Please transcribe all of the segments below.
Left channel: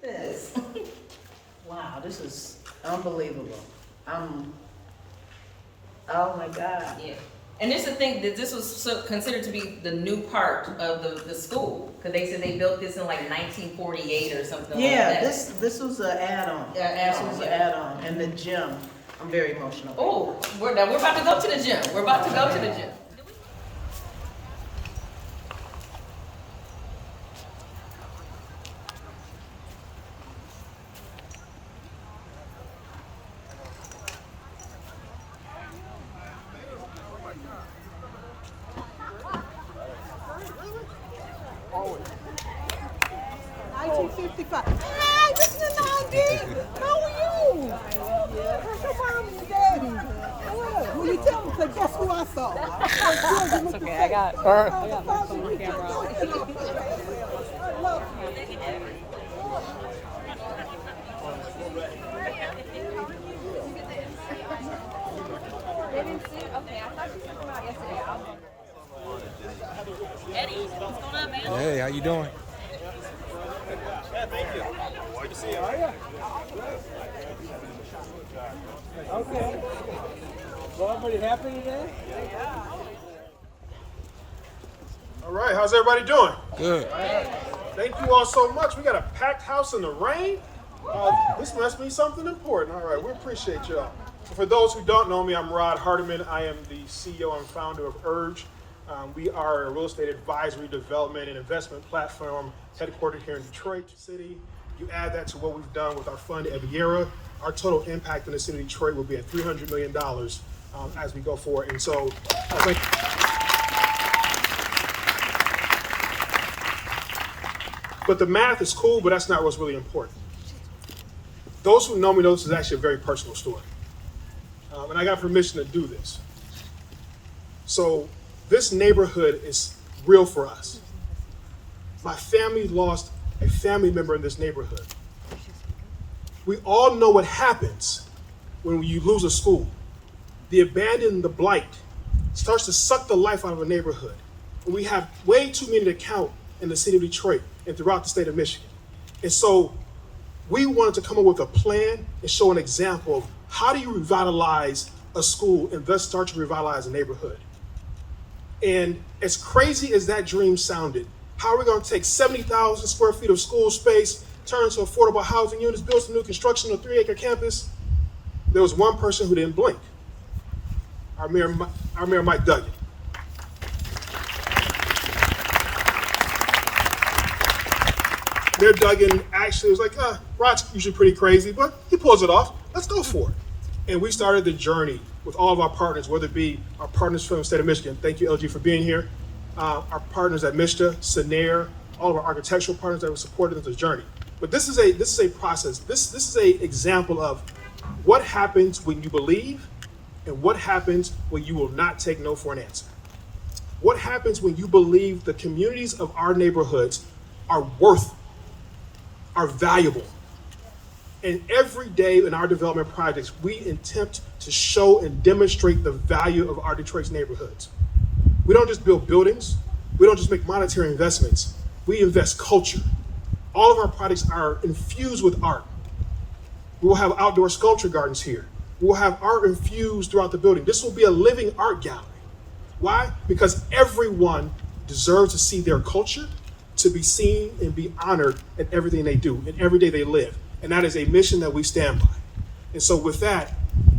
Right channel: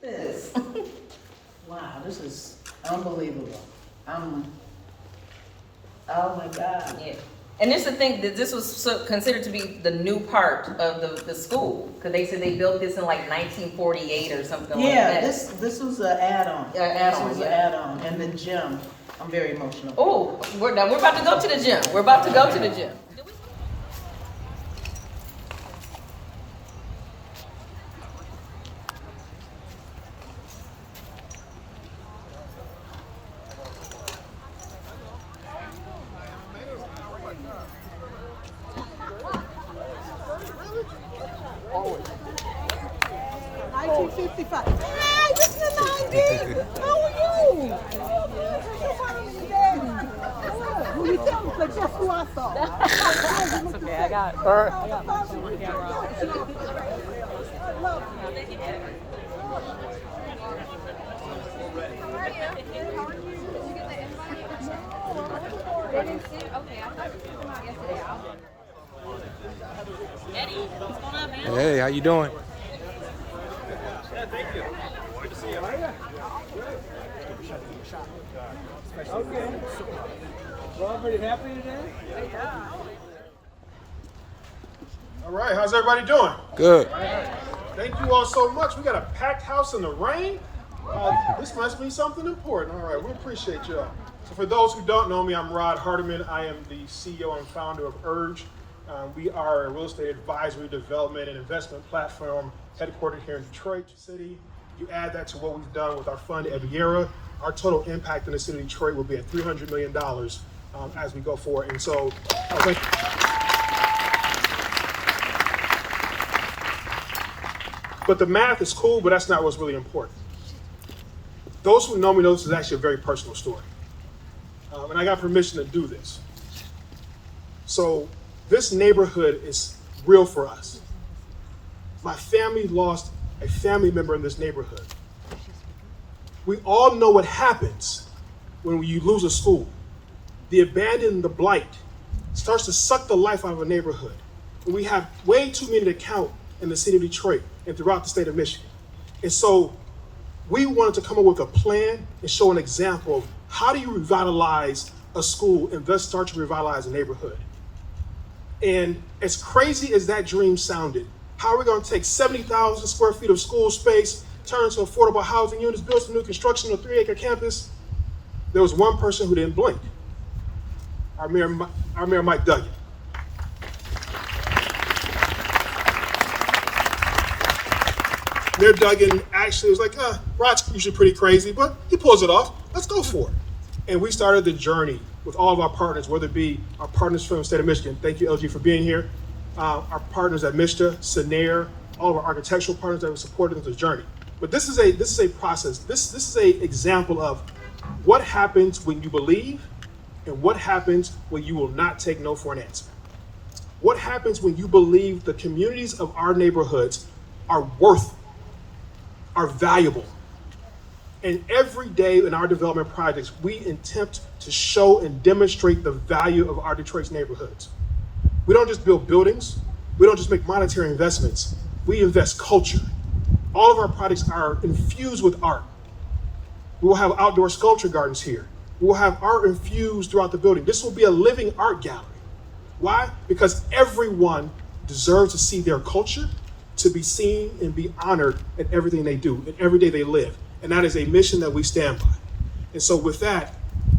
This. Wow, this is unbelievable. Oh my God. Yeah. And this is the thing, that this was considered to be the new part of the school, because they said they built this in like 1948 or something like Yeah, that. this was an add-on. This was an add-on, and the gym, I'm very emotional. Oh, we're about to go to the gym. We're about to go to the gym. Hi, this is Nandi. How are you? That's your mom's daddy. Will you tell me? Guess who I saw? It's okay, I got her. They didn't see? Okay, I thought you took them out yesterday. Eddie, what's going on, man? Hey, how you doing? Okay. Well, everybody happy today? All right, how's everybody doing? Good. Thank you all so much. We got a packed house in the rain. This must be something important. All right, we appreciate y'all. So for those who don't know me, I'm Rod Hardiman. I am the CEO and founder of Urge. We are a real estate advisory, development, and investment platform headquartered here in Detroit City. You add that to what we've done with our fund, Eviera, our total impact in the city of Detroit will be at $300 million as we go forward. And so I was like, but the math is cool, but that's not what's really important. Those who know me know this is actually a very personal story. And I got permission to do this. So this neighborhood is real for us. My family lost a family member in this neighborhood. We all know what happens when you lose a school. The abandon, the blight starts to suck the life out of a neighborhood. And we have way too many to count in the city of Detroit and throughout the state of Michigan. And so we wanted to come up with a plan and show an example of how do you revitalize a school and thus start to revitalize a neighborhood. And as crazy as that dream sounded, how are we going to take 70,000 square feet of school space, turn into affordable housing units, build some new construction on a 3-acre campus? There was one person who didn't blink. Our Mayor Mike Duggan. Mayor Duggan actually was like, Rod's usually pretty crazy, but he pulls it off. Let's go for it. And we started the journey with all of our partners, whether it be our partners from the state of Michigan. Thank you, LG, for being here. Our partners at MISTA, Sanair, all of our architectural partners that were supported in this journey. But this is a process. This is a example of what happens when you believe and what happens when you will not take no for an answer. What happens when you believe the communities of our neighborhoods are worth, are valuable. And every day in our development projects, we attempt to show and demonstrate the value of our Detroit's neighborhoods. We don't just build buildings. We don't just make monetary investments. We invest culture. All of our projects are infused with art. We will have outdoor sculpture gardens here. We will have art infused throughout the building. This will be a living art gallery. Why? Because everyone deserves to see their culture, to be seen and be honored in everything they do, in every day they live. And that is a mission that we stand by. And so with that,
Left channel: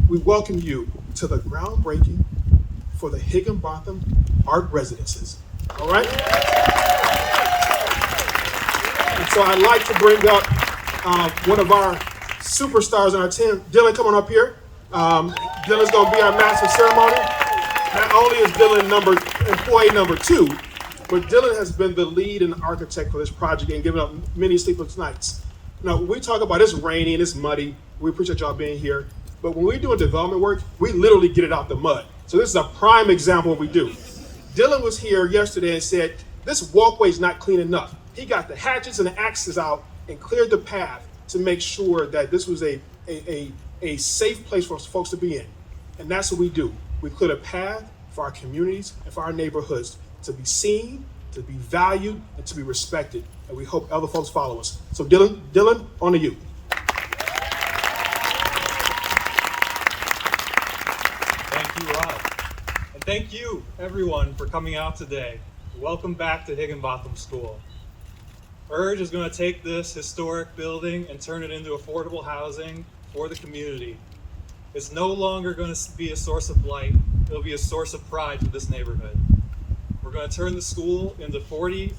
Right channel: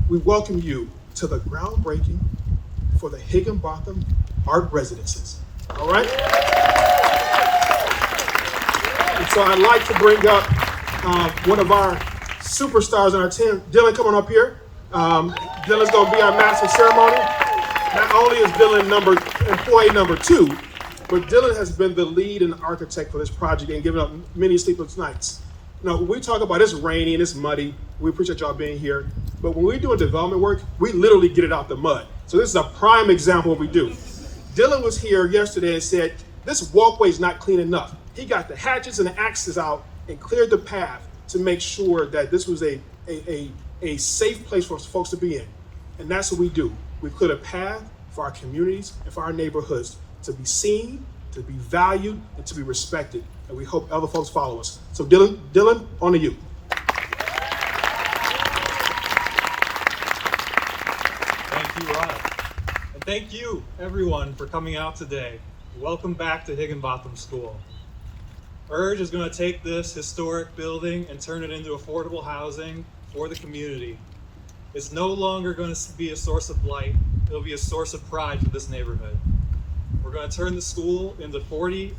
we welcome you to the groundbreaking for the Higginbotham Art Residences. All right? And so I'd like to bring up one of our superstars on our team. Dylan, come on up here. Dylan's gonna be our master of ceremony. Not only is Dylan employee number 2, but Dylan has been the lead and architect for this project and given up many sleepless nights. Now, when we talk about it's rainy and it's muddy, we appreciate y'all being here. But when we're doing development work, we literally get it out the mud. So this is a prime example of what we do. Dylan was here yesterday and said, this walkway is not clean enough. He got the hatchets and the axes out and cleared the path to make sure that this was a safe place for folks to be in. And that's what we do. We clear the path for our communities and for our neighborhoods to be seen, to be valued, and to be respected. And we hope other folks follow us. So Dylan, on to you. Thank you, Rod. And thank you, everyone, for coming out today. Welcome back to Higginbotham School. URGE is going to take this historic building and turn it into affordable housing for the community. It's no longer going to be a source of blight. It'll be a source of pride for this neighborhood. We're going to turn the school into 40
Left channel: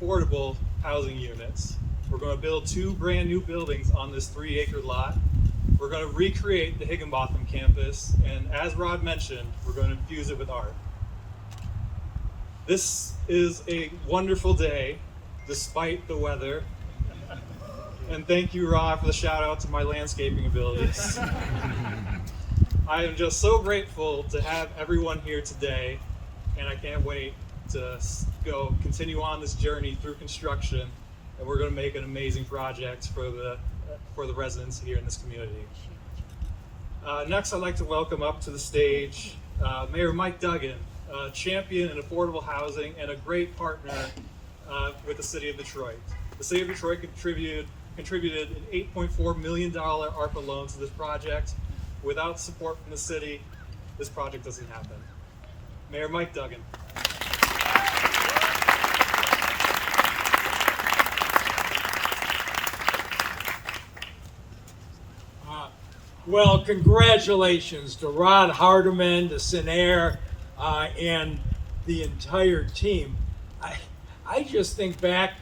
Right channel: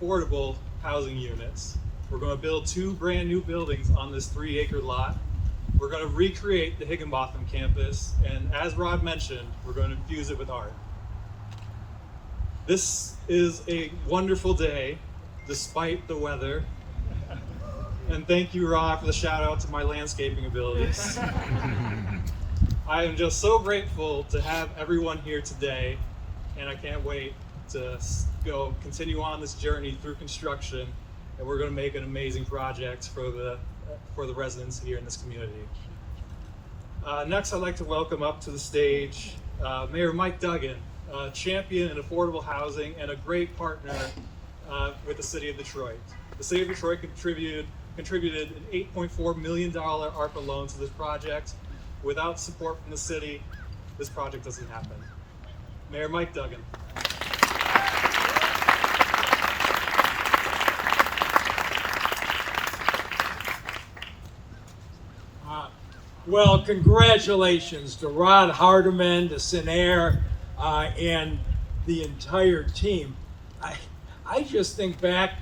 affordable housing units. We're going to build 2 brand new buildings on this 3-acre lot. We're going to recreate the Higginbotham campus, and as Rod mentioned, we're going to infuse it with art. This is a wonderful day, despite the weather. And thank you, Rod, for the shout out to my landscaping abilities. I am just so grateful to have everyone here today, and I can't wait to continue on this journey through construction, and we're going to make an amazing project for the residents here in this community. Next, I'd like to welcome up to the stage Mayor Mike Duggan, champion in affordable housing and a great partner with the City of Detroit. The City of Detroit contributed an $8.4 million ARPA loan to this project. Without support from the city, this project doesn't happen. Mayor Mike Duggan. Well, congratulations to Rod Hardiman, to Sinair, and the entire team. I just think back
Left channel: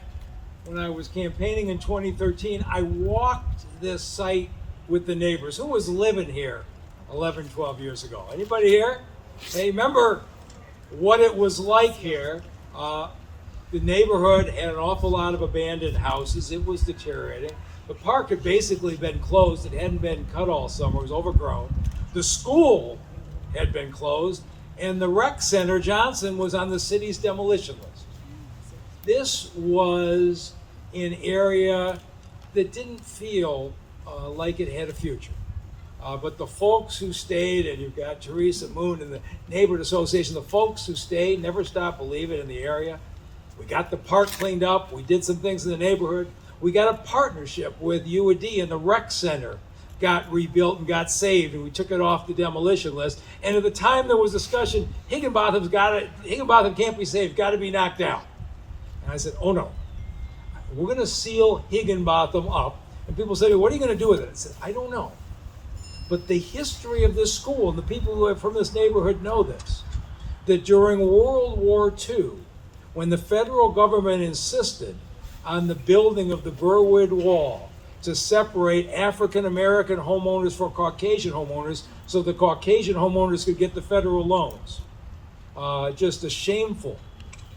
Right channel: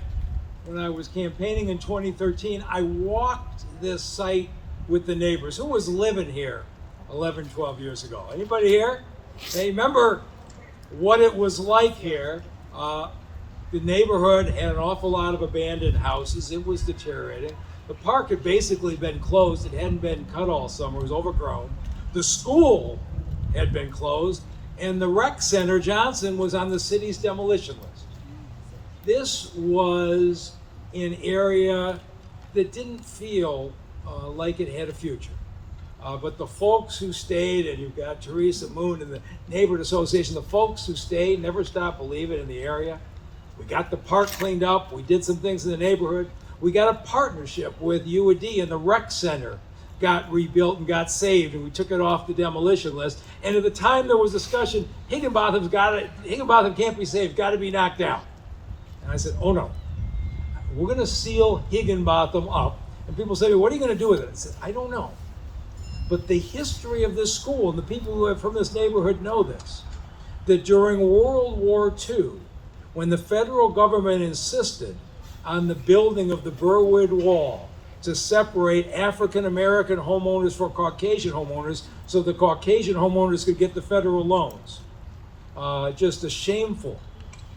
when I was campaigning in 2013, I walked this site with the neighbors. Who was living here 11, 12 years ago? Anybody here? Hey, remember what it was like here? The neighborhood had an awful lot of abandoned houses. It was deteriorating. The park had basically been closed. It hadn't been cut all summer. It was overgrown. The school had been closed, and the rec center, Johnson, was on the city's demolition list. This was an area that didn't feel like it had a future. But the folks who stayed, and you've got Teresa Moon and the Neighborhood Association, the folks who stayed never stopped believing in the area. We got the park cleaned up. We did some things in the neighborhood. We got a partnership with UAD, and the rec center got rebuilt and got saved, and we took it off the demolition list. And at the time there was discussion, Higginbotham can't be saved, got to be knocked down. And I said, oh no, we're going to seal Higginbotham up. And people said, what are you going to do with it? I said, I don't know. But the history of this school, and the people who are from this neighborhood know this, that during World War II, when the federal government insisted on the building of the Burwood Wall to separate African American homeowners from Caucasian homeowners so the Caucasian homeowners could get the federal loans. Just a shameful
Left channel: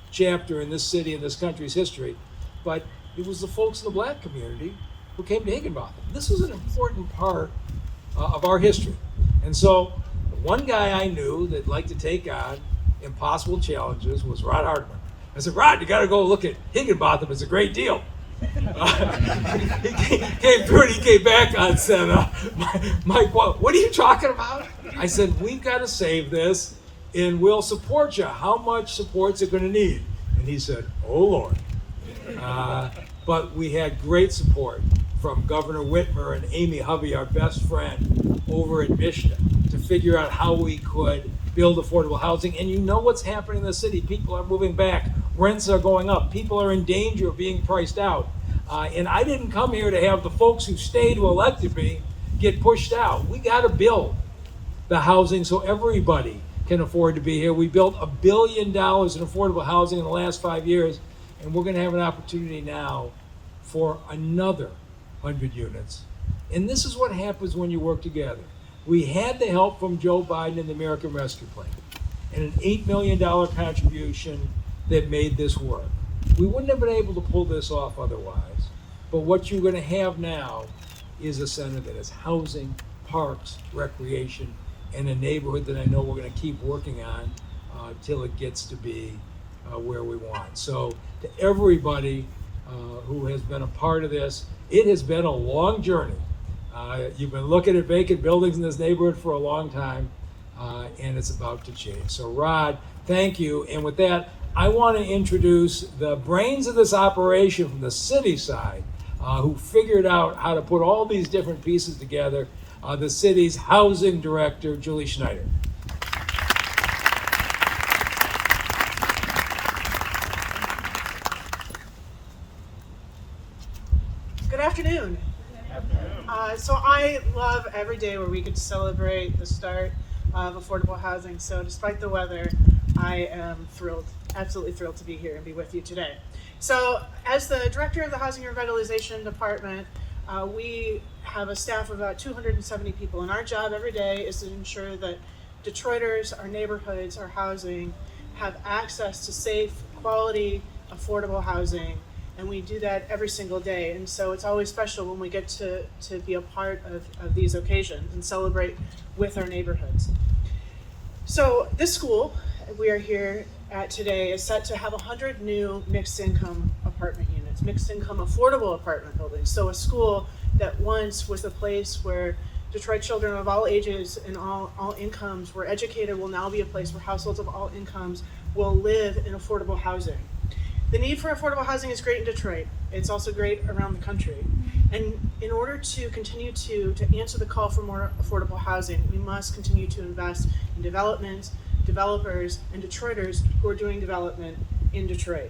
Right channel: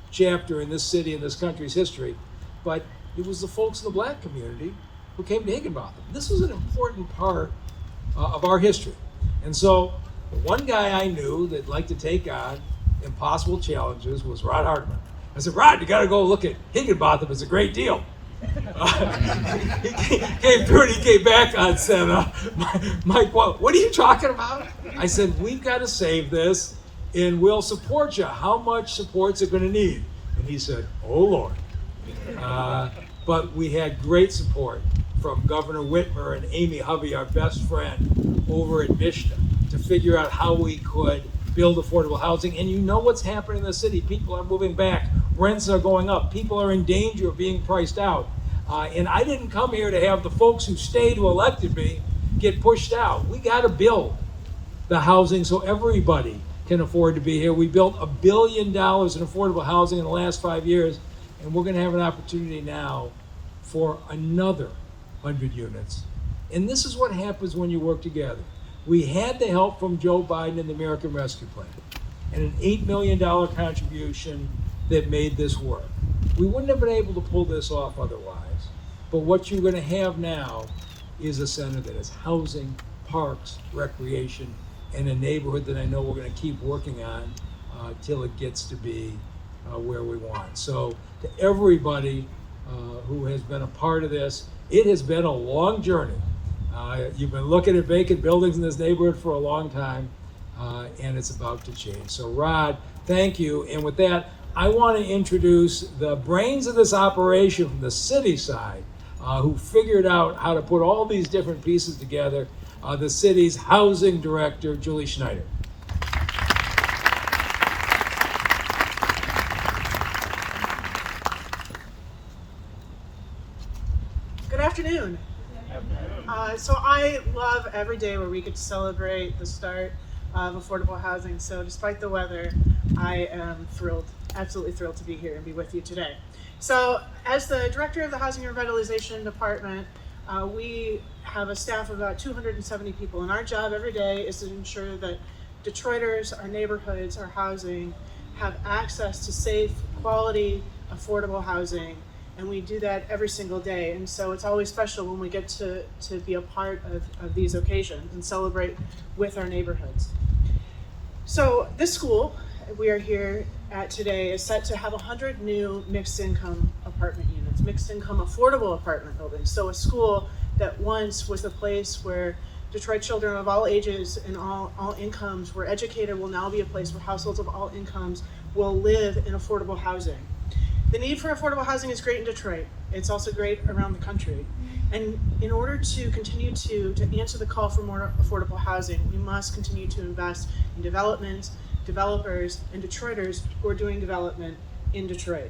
chapter in this city and this country's history. But it was the folks in the black community who came to Higginbotham. This was an important part of our history. And so the one guy I knew that liked to take on impossible challenges was Rod Hardiman. I said, Rod, you got to go look at Higginbotham. It's a great deal. He came through and he came back and said, Mike, what are you talking about? I said, we've got to save this and we'll support you. How much support's it going to need? And he said, oh, Lord. But we had great support from Governor Whitmer and Amy Hovey, our best friend, over at Mishna, to figure out how we could build affordable housing. And you know what's happening in the city. People are moving back. Rents are going up. People are in danger of being priced out. And I didn't come here to have the folks who stayed, who elected me, get pushed out. We got to build the housing so everybody can afford to be here. We built $1 billion in affordable housing in the last 5 years, and we're going to have an opportunity now for another 100 units. And this is what happens when you work together. We had the help from Joe Biden and the American Rescue Plan, and an $8 million contribution that made this work. We wouldn't have been able to pull this off otherwise. But what you're going to have now is a center that is housing, parks, recreation, and a neighborhood that I know we're going to keep working on till it gets to be where we want. So to everybody who has been a part of this, it has been a long journey. You've been looking at vacant buildings in this neighborhood for a long time, and it's about to change. So Rod, thank you. And with that, I want to introduce the brains of this operation from the city side, who figured out how to put all these different pieces together, the city's housing director, Julie Schneider. Good afternoon. So I love every day where we get to celebrate the start of affordable housing. So despite the weather, I am thrilled, absolutely thrilled to be here and be with you today. So as the director of the Housing and Revitalization Department, we have a staff of about 270 people, and our job every day is to ensure that Detroiters, our neighborhoods, our housing have access to safe, quality, affordable housing. And we do that every single day. And so it's always special when we get to be a part of these occasions and celebrate with our neighborhoods. So this school we are here at today is set to have 100 new mixed income apartment units, mixed income affordable apartment buildings. So a school that once was a place where Detroit children of all ages and all incomes were educated will now be a place where households of all incomes will live in affordable housing. The need for affordable housing is great in Detroit. It's also great around the country. And in order to continue to answer the call for more affordable housing, we must continue to invest in development, developers, and Detroiters who are doing development in Detroit.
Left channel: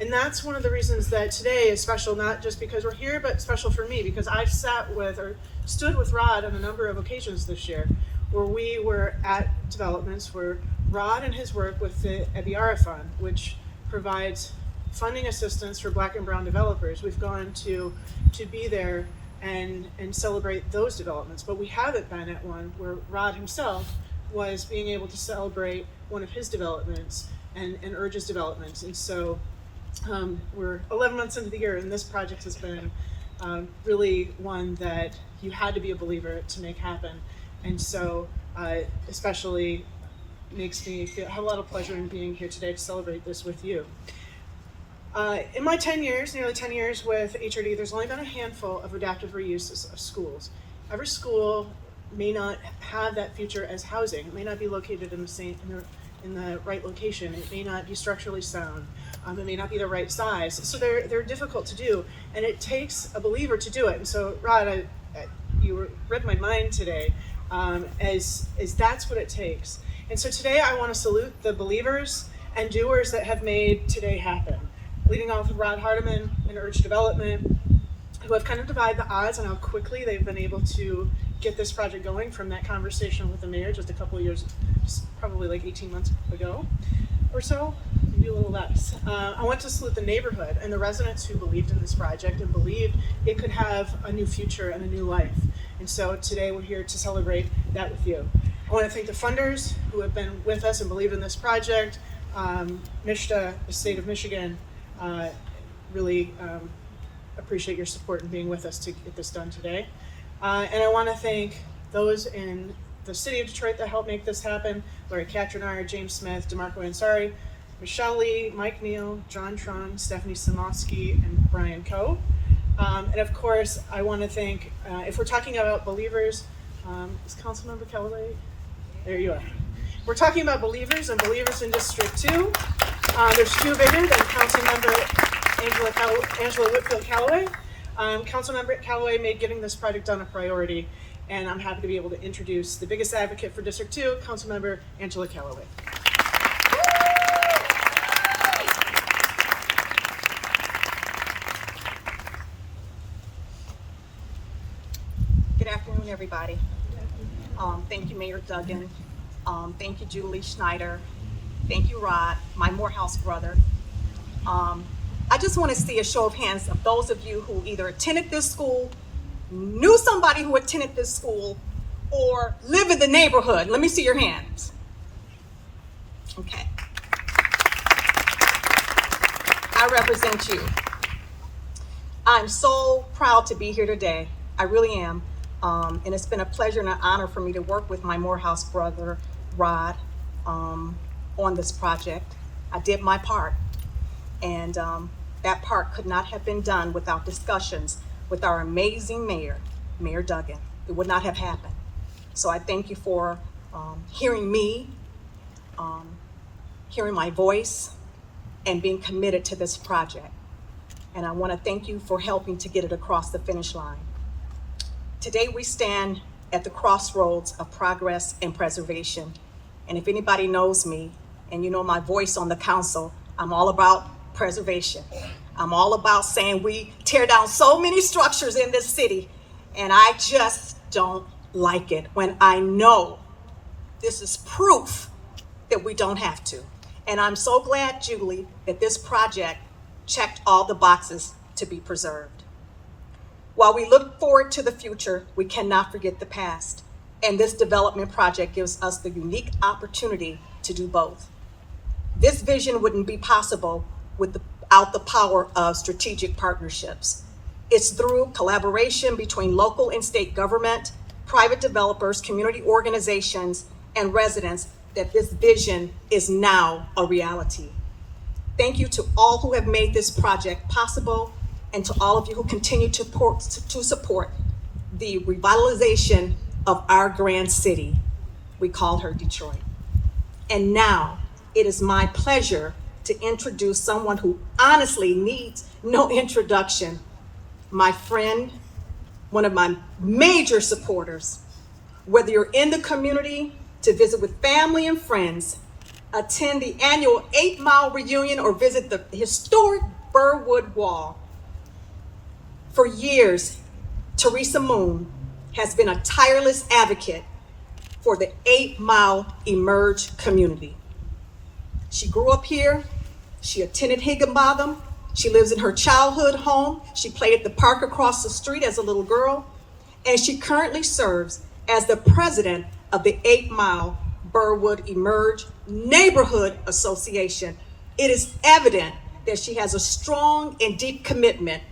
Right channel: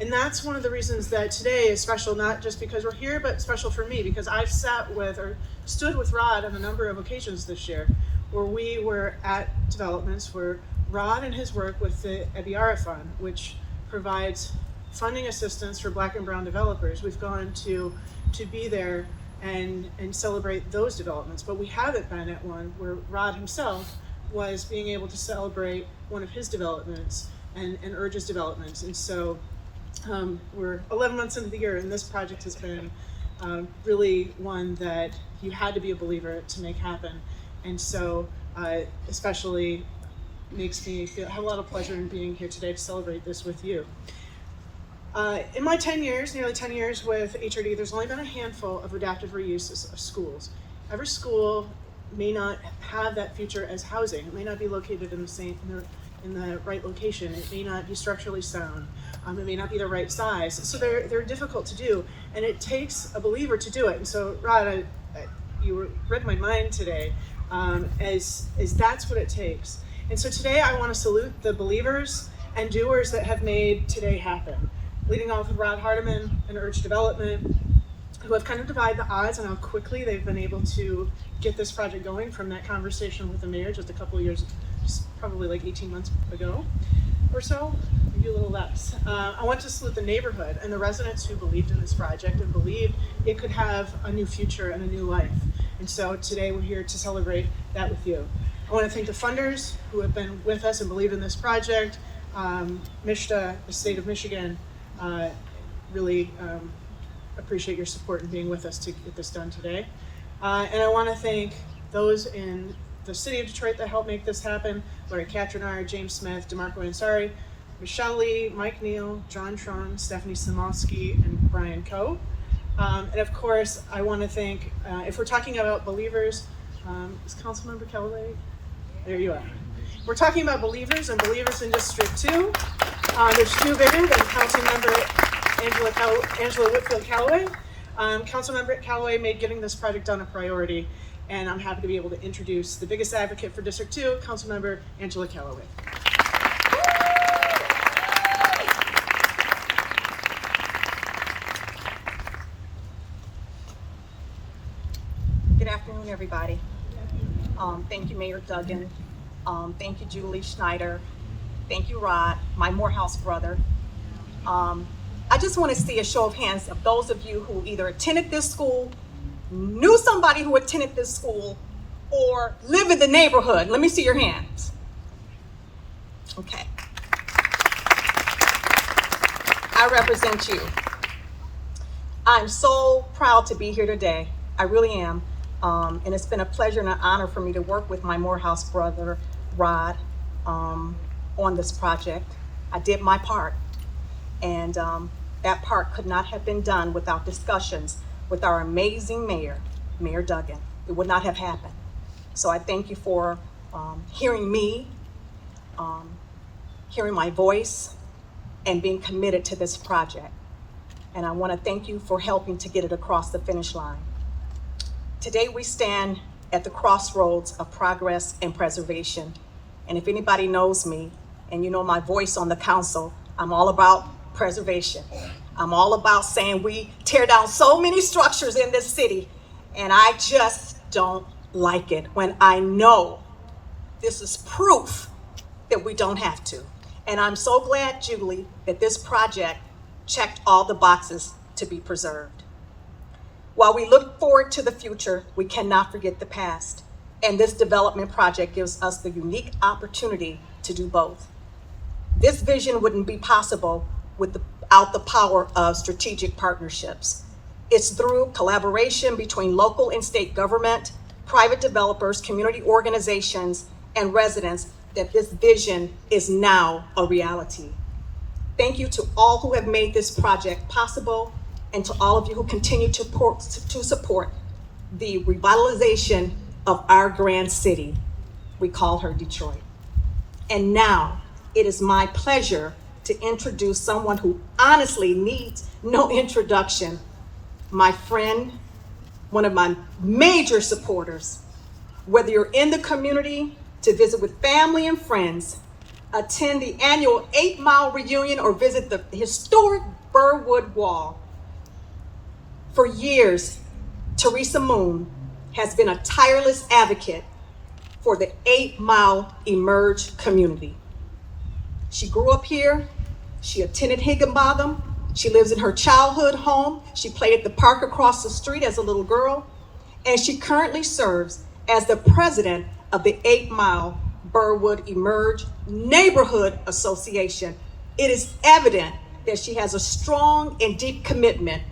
And that's one of the reasons that today is special, not just because we're here, but special for me, because I've stood with Rod on a number of occasions this year where we were at developments where Rod and his work with the EBIARA Fund, which provides funding assistance for Black and brown developers. We've gone to be there and celebrate those developments, but we haven't been at one where Rod himself was being able to celebrate one of his developments and Urge's developments. And so we're 11 months into the year, and this project has been really one that you had to be a believer to make happen. And so especially makes me have a lot of pleasure in being here today to celebrate this with you. In my 10 years, nearly 10 years with HRD, there's only been a handful of adaptive reuses of schools. Every school may not have that future as housing. It may not be located in the right location. It may not be structurally sound. It may not be the right size. So they're difficult to do, and it takes a believer to do it. And so, Rod, you read my mind today, as that's what it takes. And so today I want to salute the believers and doers that have made today happen. Leading off with Rod Hardiman and Urge Development, who have kind of divided the odds on how quickly they've been able to get this project going from that conversation with the mayor just a couple of years, probably like 18 months ago or so, maybe a little less. I want to salute the neighborhood and the residents who believed in this project and believed it could have a new future and a new life. And so today we're here to celebrate that with you. I want to thank the funders who have been with us and believed in this project. MISHDA, the state of Michigan, really appreciate your support in being with us to get this done today. And I want to thank those in the city of Detroit that helped make this happen: Larry Katrinar, James Smith, DeMarco Ansari, Michelle Lee, Mike Neal, John Trung, Stephanie Samosky, and Brian Coe. And of course, I want to thank, if we're talking about believers, is Councilmember Callaway? There you are. We're talking about believers and believers in District 2. There's two bigger than Councilmember Angela Whitfield Callaway. Councilmember Callaway made getting this project done a priority, and I'm happy to be able to introduce the biggest advocate for District 2, Councilmember Angela Callaway. Good afternoon, everybody. Thank you, Mayor Duggan. Thank you, Julie Schneider. Thank you, Rod, my Morehouse brother. I just want to see a show of hands of those of you who either attended this school, knew somebody who attended this school, or live in the neighborhood. Let me see your hands. Okay. I represent you. I'm so proud to be here today. I really am. And it's been a pleasure and an honor for me to work with my Morehouse brother, Rod, on this project. I did my part, and that part could not have been done without discussions with our amazing mayor, Mayor Duggan. It would not have happened. So I thank you for hearing me, hearing my voice, and being committed to this project. And I want to thank you for helping to get it across the finish line. Today we stand at the crossroads of progress and preservation. And if anybody knows me, and you know my voice on the council, I'm all about preservation. I'm all about saying we tear down so many structures in this city, and I just don't like it when I know this is proof that we don't have to. And I'm so glad, Julie, that this project checked all the boxes to be preserved. While we look forward to the future, we cannot forget the past. And this development project gives us the unique opportunity to do both. This vision wouldn't be possible without the power of strategic partnerships. It's through collaboration between local and state government, private developers, community organizations, and residents that this vision is now a reality. Thank you to all who have made this project possible, and to all of you who continue to support the revitalization of our grand city. We call her Detroit. And now it is my pleasure to introduce someone who honestly needs no introduction, my friend, one of my major supporters. Whether you're in the community to visit with family and friends, attend the annual 8-Mile reunion, or visit the historic Burwood Wall. For years, Teresa Moon has been a tireless advocate for the 8-Mile Emerge community. She grew up here, she attended Higginbotham, she lives in her childhood home, she played at the park across the street as a little girl, and she currently serves as the president of the 8-Mile Burwood Emerge Neighborhood Association. It is evident that she has a strong and deep commitment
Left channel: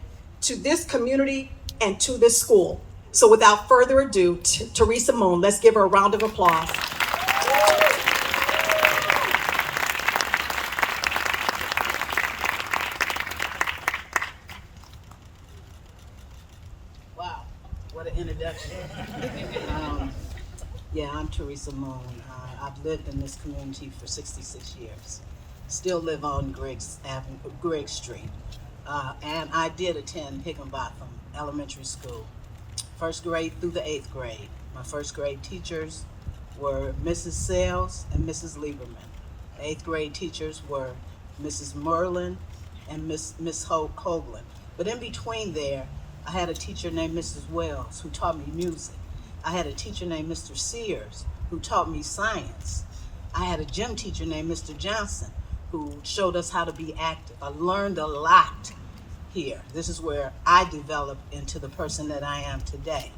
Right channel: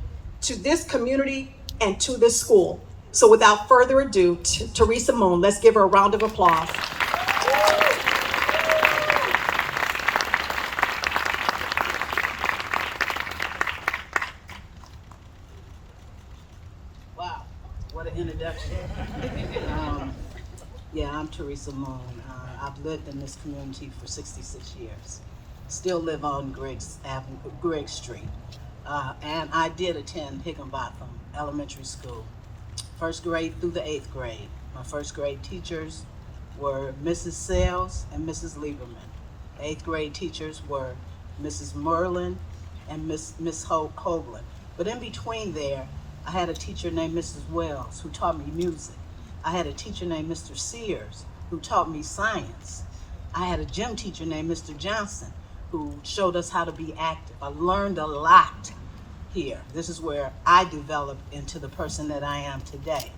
to this community and to this school. So without further ado, Teresa Moon, let's give her a round of applause. Wow, what an introduction. Yeah, I'm Teresa Moon. I've lived in this community for 66 years. Still live on Grigg Street. And I did attend Higginbotham Elementary School, 1st grade through the 8th grade. My 1st grade teachers were Mrs. Sales and Mrs. Lieberman. The 8th grade teachers were Mrs. Merlin and Miss Hoagland. But in between there, I had a teacher named Mrs. Wells who taught me music. I had a teacher named Mr. Sears who taught me science. I had a gym teacher named Mr. Johnson who showed us how to be active. I learned a lot here. This is where I developed into the person that I am today.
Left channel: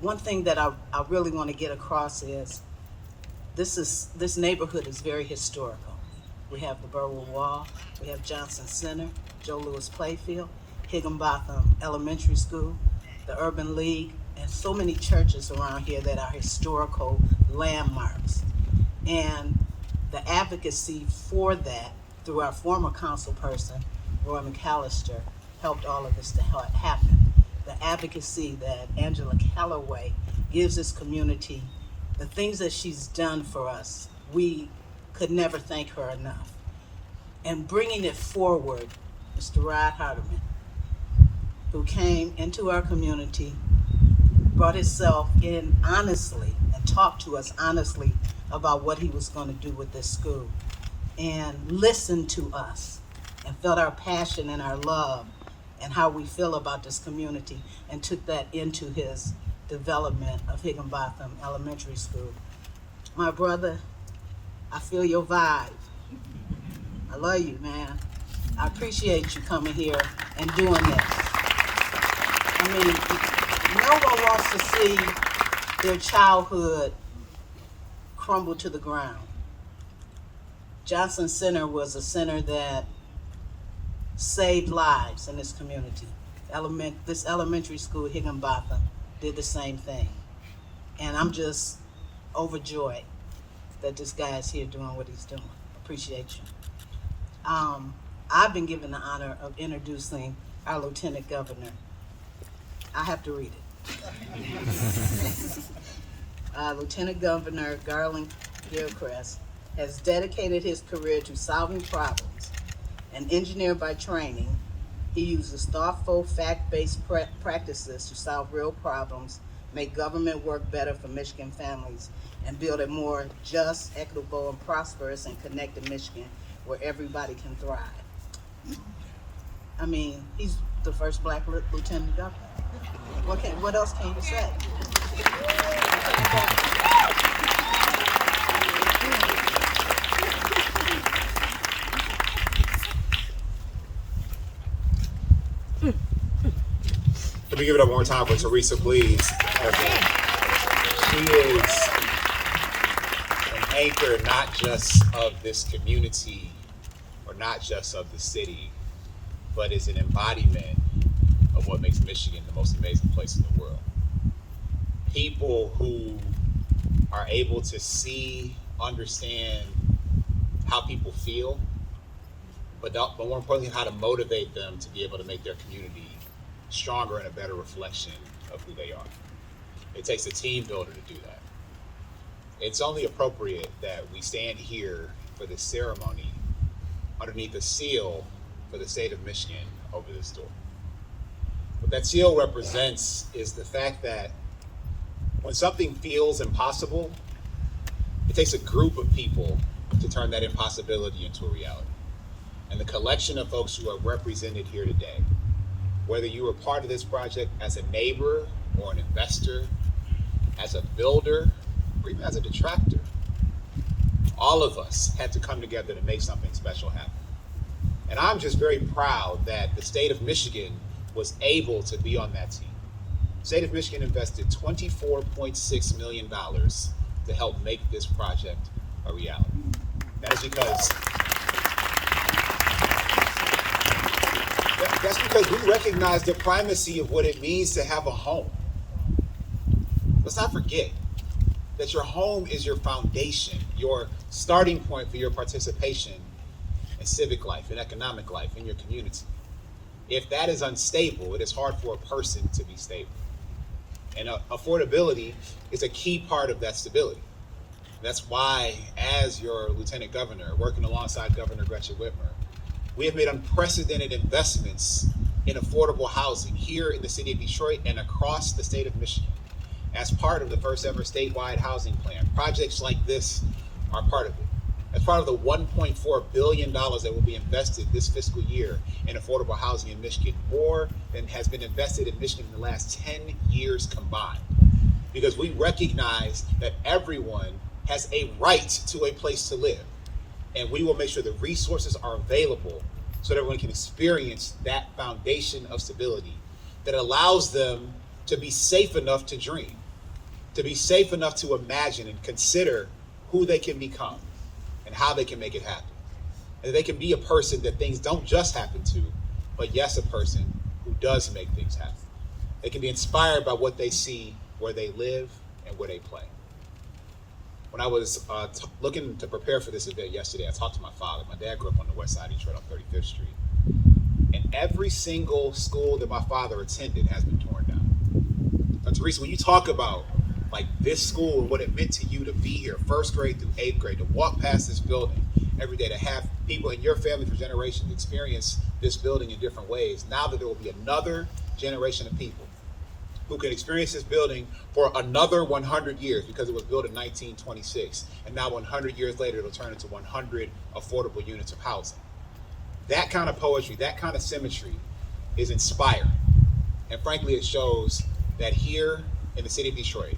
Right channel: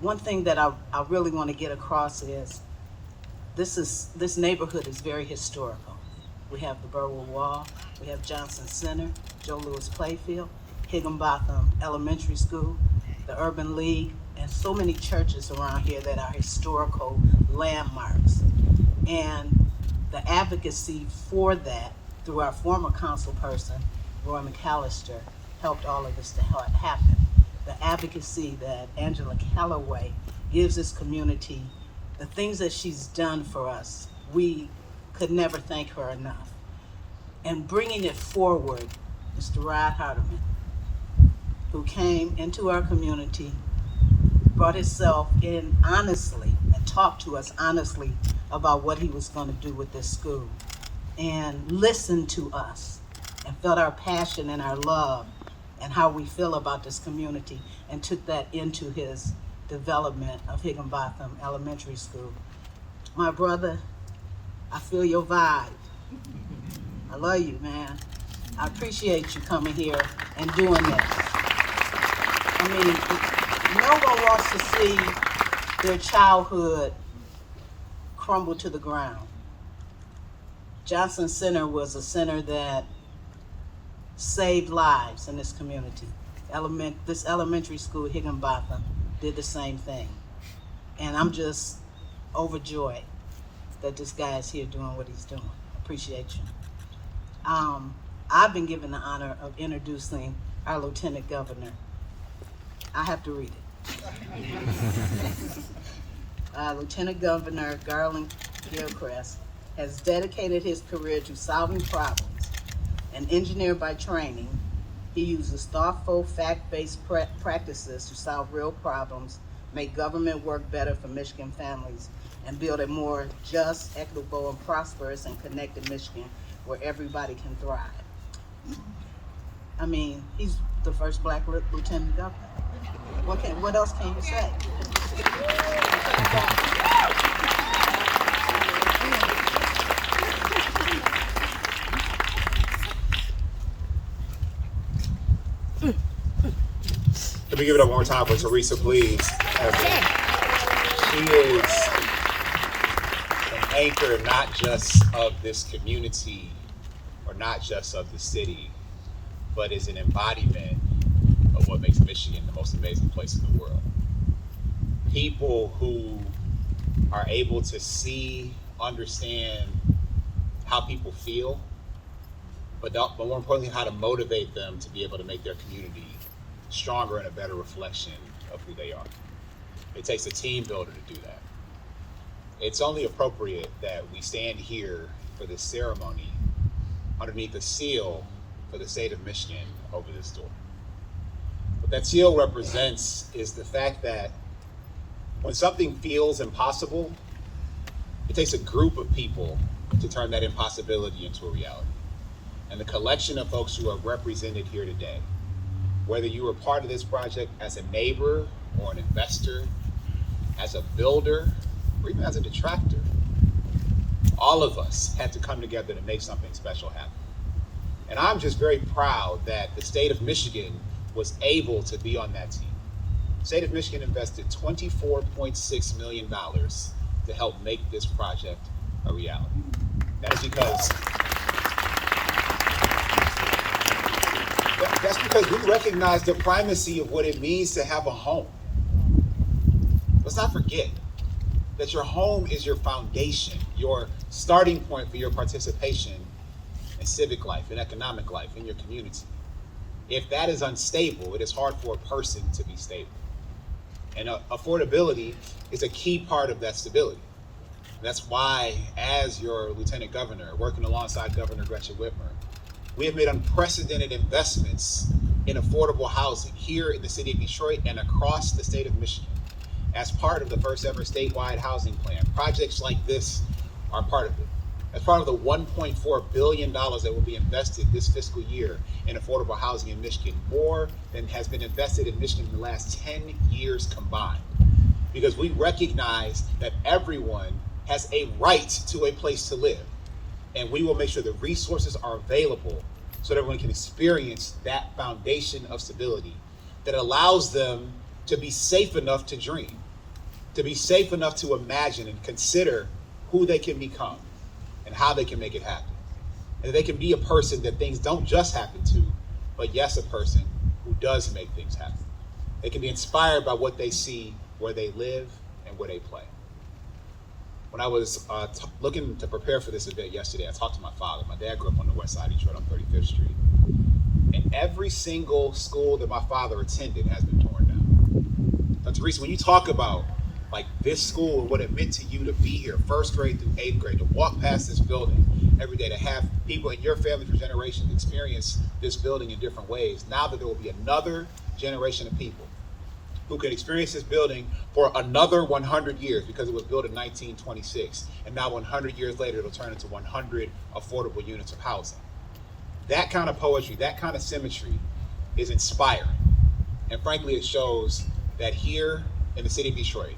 One thing that I really want to get across is this neighborhood is very historical. We have the Burwood Wall, we have Johnson Center, Joe Louis Playfield, Higginbotham Elementary School, the Urban League, and so many churches around here that are historical landmarks. And the advocacy for that through our former council person, Roy McAllister, helped all of this to happen. The advocacy that Angela Calloway gives this community, the things that she's done for us, we could never thank her enough. And bringing it forward, Mr. Rod Hardiman, who came into our community, brought himself in honestly and talked to us honestly about what he was going to do with this school, and listened to us and felt our passion and our love and how we feel about this community, and took that into his development of Higginbotham Elementary School. My brother, I feel your vibe. I love you, man. I appreciate you coming here and doing this. I mean, no one wants to see their childhood crumble to the ground. Johnson Center was a center that saved lives in this community. This elementary school, Higginbotham, did the same thing. And I'm just overjoyed that this guy is here doing what he's doing. Appreciate you. I've been given the honor of introducing our Lieutenant Governor. I have to read it. Lieutenant Governor Garland Gilchrist has dedicated his career to solving problems. An engineer by training, he uses thoughtful, fact-based practices to solve real problems, make government work better for Michigan families, and build a more just, equitable, and prosperous and connected Michigan where everybody can thrive. I mean, he's the first Black lieutenant governor. What else can you say? Let me give it up one more time for Teresa, please. She is an anchor not just of this community or not just of the city, but is an embodiment of what makes Michigan the most amazing place in the world. People who are able to see, understand how people feel, but more importantly, how to motivate them to be able to make their community stronger and a better reflection of who they are. It takes a team builder to do that. It's only appropriate that we stand here for this ceremony underneath a seal for the state of Michigan over this door. What that seal represents is the fact that when something feels impossible, it takes a group of people to turn that impossibility into a reality. And the collection of folks who are represented here today, whether you were part of this project as a neighbor or an investor, as a builder, or even as a detractor, all of us had to come together to make something special happen. And I'm just very proud that the state of Michigan was able to be on that team. The state of Michigan invested $24.6 million to help make this project a reality. That is because That's because we recognize the primacy of what it means to have a home. Let's not forget that your home is your foundation, your starting point for your participation in civic life, in economic life, in your community. If that is unstable, it is hard for a person to be stable. And affordability is a key part of that stability. That's why, as your Lieutenant Governor, working alongside Governor Gretchen Whitmer, we have made unprecedented investments in affordable housing here in the city of Detroit and across the state of Michigan as part of the first ever statewide housing plan. Projects like this are part of it. As part of the $1.4 billion that will be invested this fiscal year in affordable housing in Michigan, more than has been invested in Michigan in the last 10 years combined. Because we recognize that everyone has a right to a place to live. And we will make sure the resources are available so that everyone can experience that foundation of stability that allows them to be safe enough to dream, to be safe enough to imagine and consider who they can become and how they can make it happen. And they can be a person that things don't just happen to, but yes, a person who does make things happen. They can be inspired by what they see where they live and where they play. When I was looking to prepare for this event yesterday, I talked to my father. My dad grew up on the west side of Detroit on 35th Street. And every single school that my father attended has been torn down. But Teresa, when you talk about like this school and what it meant to you to be here, 1st grade through 8th grade, to walk past this building every day, to have people in your family for generations experience this building in different ways, now that there will be another generation of people who can experience this building for another 100 years because it was built in 1926. And now 100 years later, it'll turn into 100 affordable units of housing. That kind of poetry, that kind of symmetry is inspiring. And frankly, it shows that here in the city of Detroit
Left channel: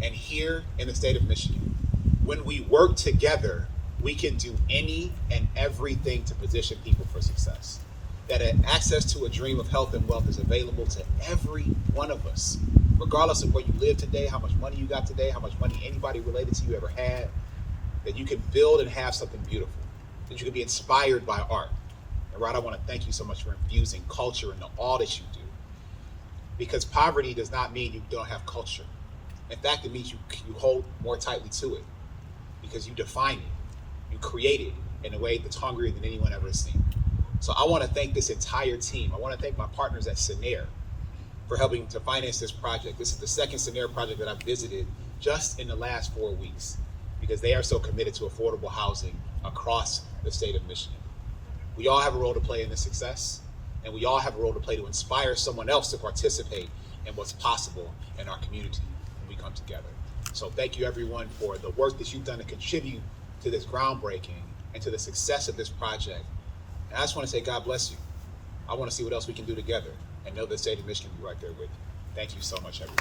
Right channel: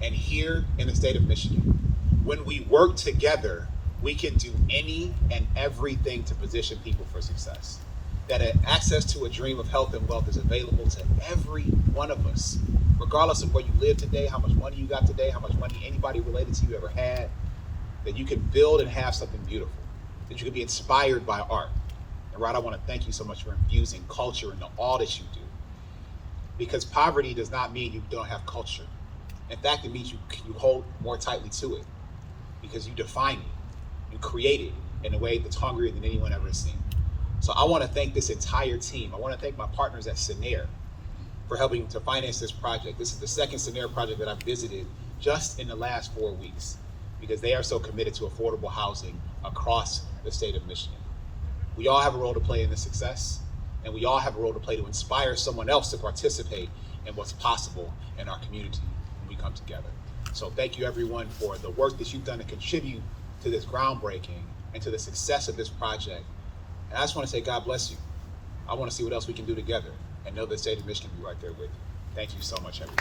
and here in the state of Michigan, when we work together, we can do any and everything to position people for success. That access to a dream of health and wealth is available to every one of us, regardless of where you live today, how much money you got today, how much money anybody related to you ever had, that you can build and have something beautiful, that you can be inspired by art. And Rod, I want to thank you so much for infusing culture into all that you do, because poverty does not mean you don't have culture. In fact, it means you hold more tightly to it, because you define it, you create it in a way that's hungrier than anyone ever has seen. So I want to thank this entire team. I want to thank my partners at Senair for helping to finance this project. This is the second Senair project that I've visited just in the last 4 weeks. because they are so committed to affordable housing across the state of Michigan. We all have a role to play in this success, and we all have a role to play to inspire someone else to participate in what's possible in our community when we come together. So thank you everyone for the work that you've done to contribute to this groundbreaking and to the success of this project. And I just want to say God bless you. I want to see what else we can do together, and know the state of Michigan will be right there with you. Thank you so much, everyone.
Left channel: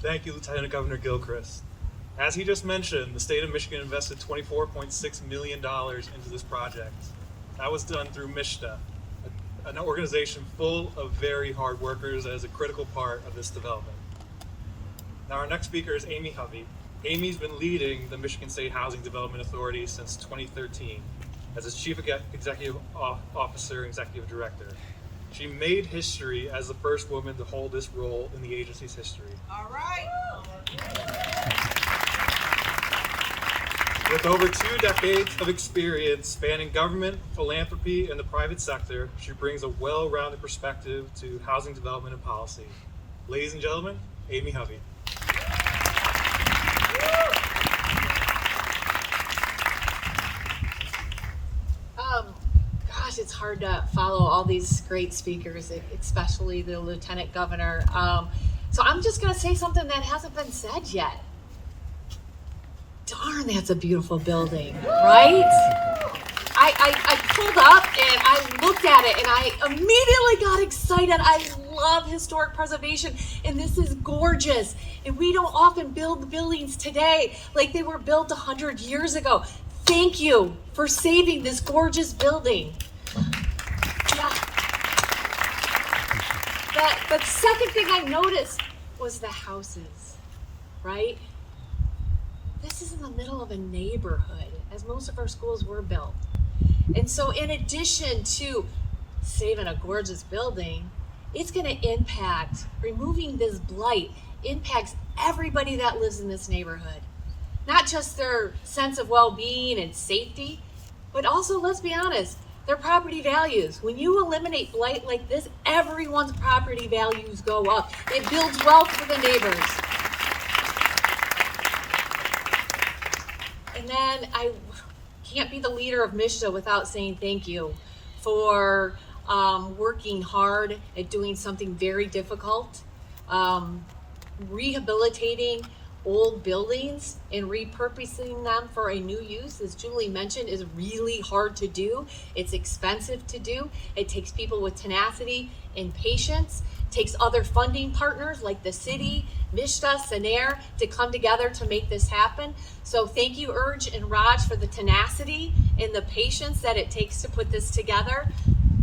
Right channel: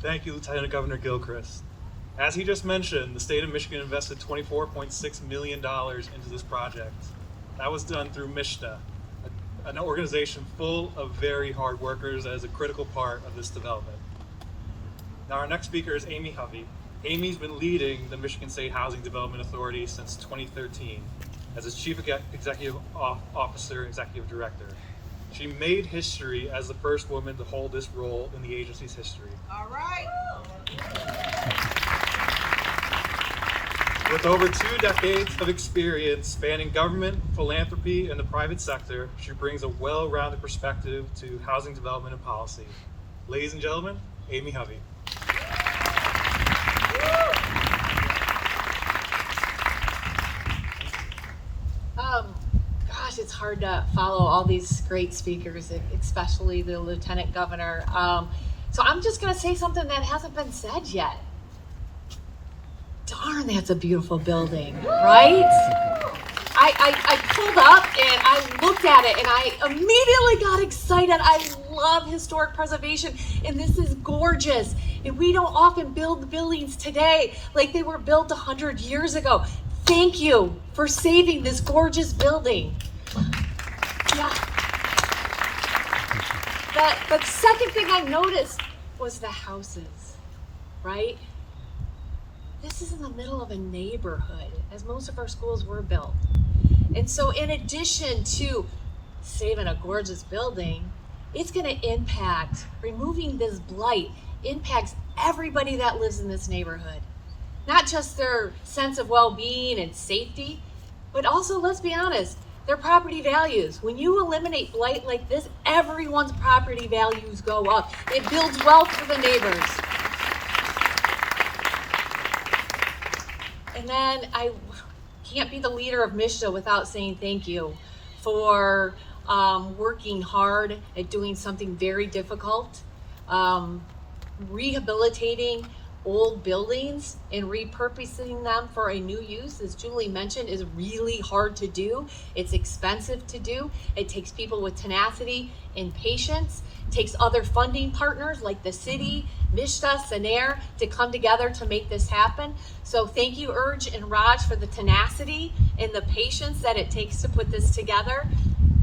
Thank you, Lieutenant Governor Gilchrist. As he just mentioned, the state of Michigan invested $24.6 million into this project. That was done through MISHDA, an organization full of very hard workers as a critical part of this development. Now our next speaker is Amy Hovey. Amy's been leading the Michigan State Housing Development Authority since 2013 as its Chief Executive Officer and Executive Director. She made history as the first woman to hold this role in the agency's history. All right. With over 2 decades of experience spanning government, philanthropy, and the private sector, she brings a well-rounded perspective to housing development and policy. Ladies and gentlemen, Amy Hovey. Gosh, it's hard to follow all these great speakers, especially the Lieutenant Governor. So I'm just going to say something that hasn't been said yet. Darn, that's a beautiful building, right? I pulled up and I looked at it and I immediately got excited. I love historic preservation and this is gorgeous. And we don't often build buildings today like they were built 100 years ago. Thank you for saving this gorgeous building. Yeah. The second thing I noticed was the houses, right? This is in the middle of a neighborhood, as most of our schools were built. And so in addition to saving a gorgeous building, it's going to impact, removing this blight impacts everybody that lives in this neighborhood. Not just their sense of well-being and safety, but also, let's be honest, their property values. When you eliminate blight like this, everyone's property values go up. It builds wealth for the neighbors. And then I can't be the leader of MISHDA without saying thank you for working hard at doing something very difficult, rehabilitating old buildings and repurposing them for a new use, as Julie mentioned, is really hard to do. It's expensive to do. It takes people with tenacity and patience. It takes other funding partners like the city, MISHDA, SENER to come together to make this happen. So thank you, Urge and Raj, for the tenacity and the patience that it takes to put this together.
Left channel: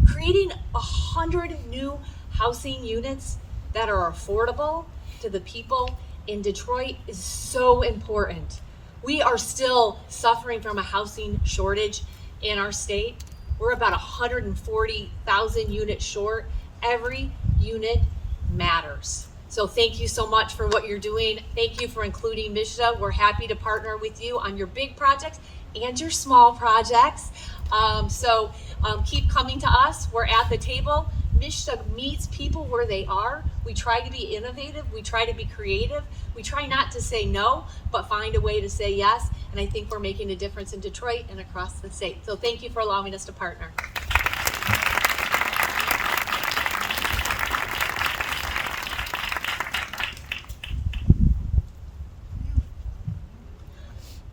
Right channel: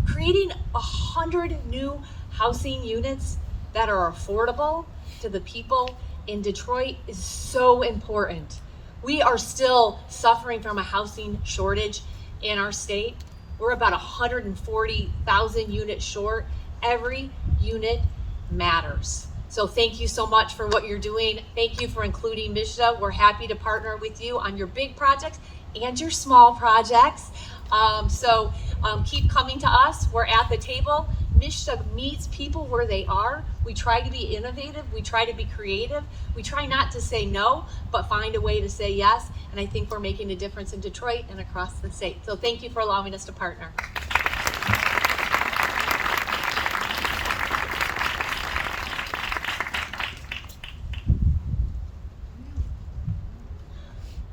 Creating 100 new housing units that are affordable to the people in Detroit is so important. We are still suffering from a housing shortage in our state. We're about 140,000 units short. Every unit matters. So thank you so much for what you're doing. Thank you for including MISHDA. We're happy to partner with you on your big projects and your small projects. Keep coming to us. We're at the table. MISHDA meets people where they are. We try to be innovative. We try to be creative. We try not to say no, but find a way to say yes. And I think we're making a difference in Detroit and across the state. So thank you for allowing us to partner.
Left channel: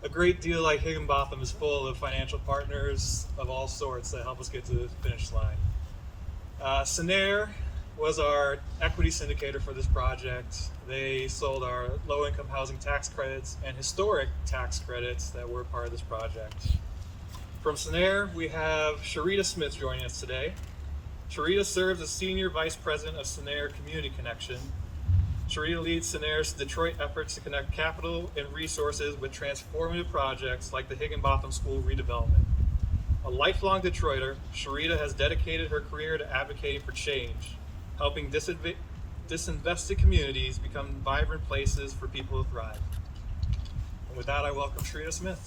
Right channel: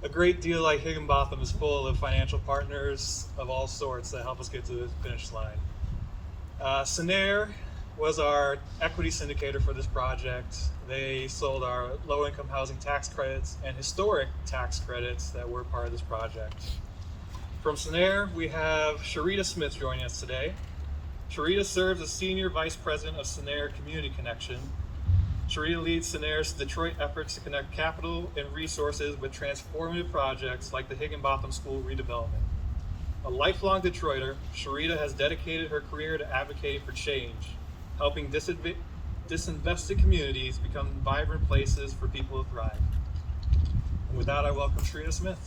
A great deal like Higginbotham is full of financial partners of all sorts that help us get to the finish line. SENER was our equity syndicator for this project. They sold our low-income housing tax credits and historic tax credits that were part of this project. From SENER, we have Sharita Smith joining us today. Sharita serves as Senior Vice President of SENER Community Connection. Sharita leads SENER's Detroit efforts to connect capital and resources with transformative projects like the Higginbotham School redevelopment. A lifelong Detroiter, Sharita has dedicated her career to advocating for change, helping disinvested communities become vibrant places for people to thrive. And with that, I welcome Sharita Smith.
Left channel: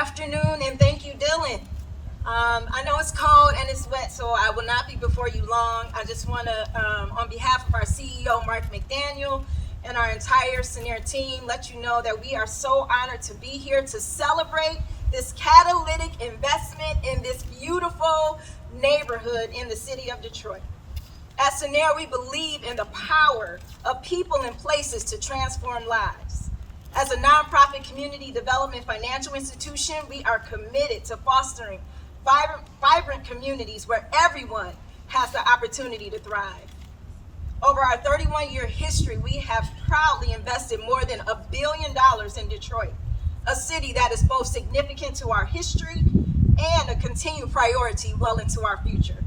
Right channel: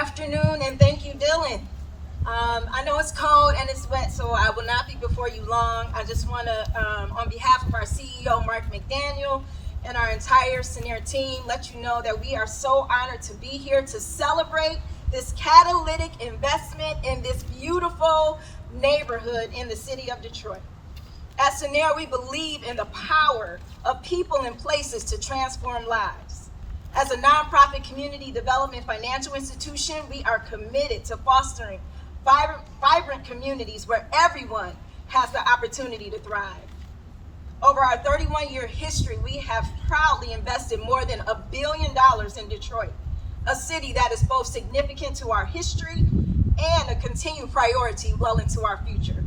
afternoon, and thank you, Dylan. I know it's cold and it's wet, so I will not be before you long. I just want to, on behalf of our CEO, Mark McDaniel, and our entire Scenair team, let you know that we are so honored to be here to celebrate this catalytic investment in this beautiful neighborhood in the city of Detroit. At Scenair, we believe in the power of people and places to transform lives. As a nonprofit community development financial institution, we are committed to fostering vibrant communities where everyone has the opportunity to thrive. Over our 31-year history, we have proudly invested more than $1 billion in Detroit, a city that is both significant to our history and a continued priority well into our future.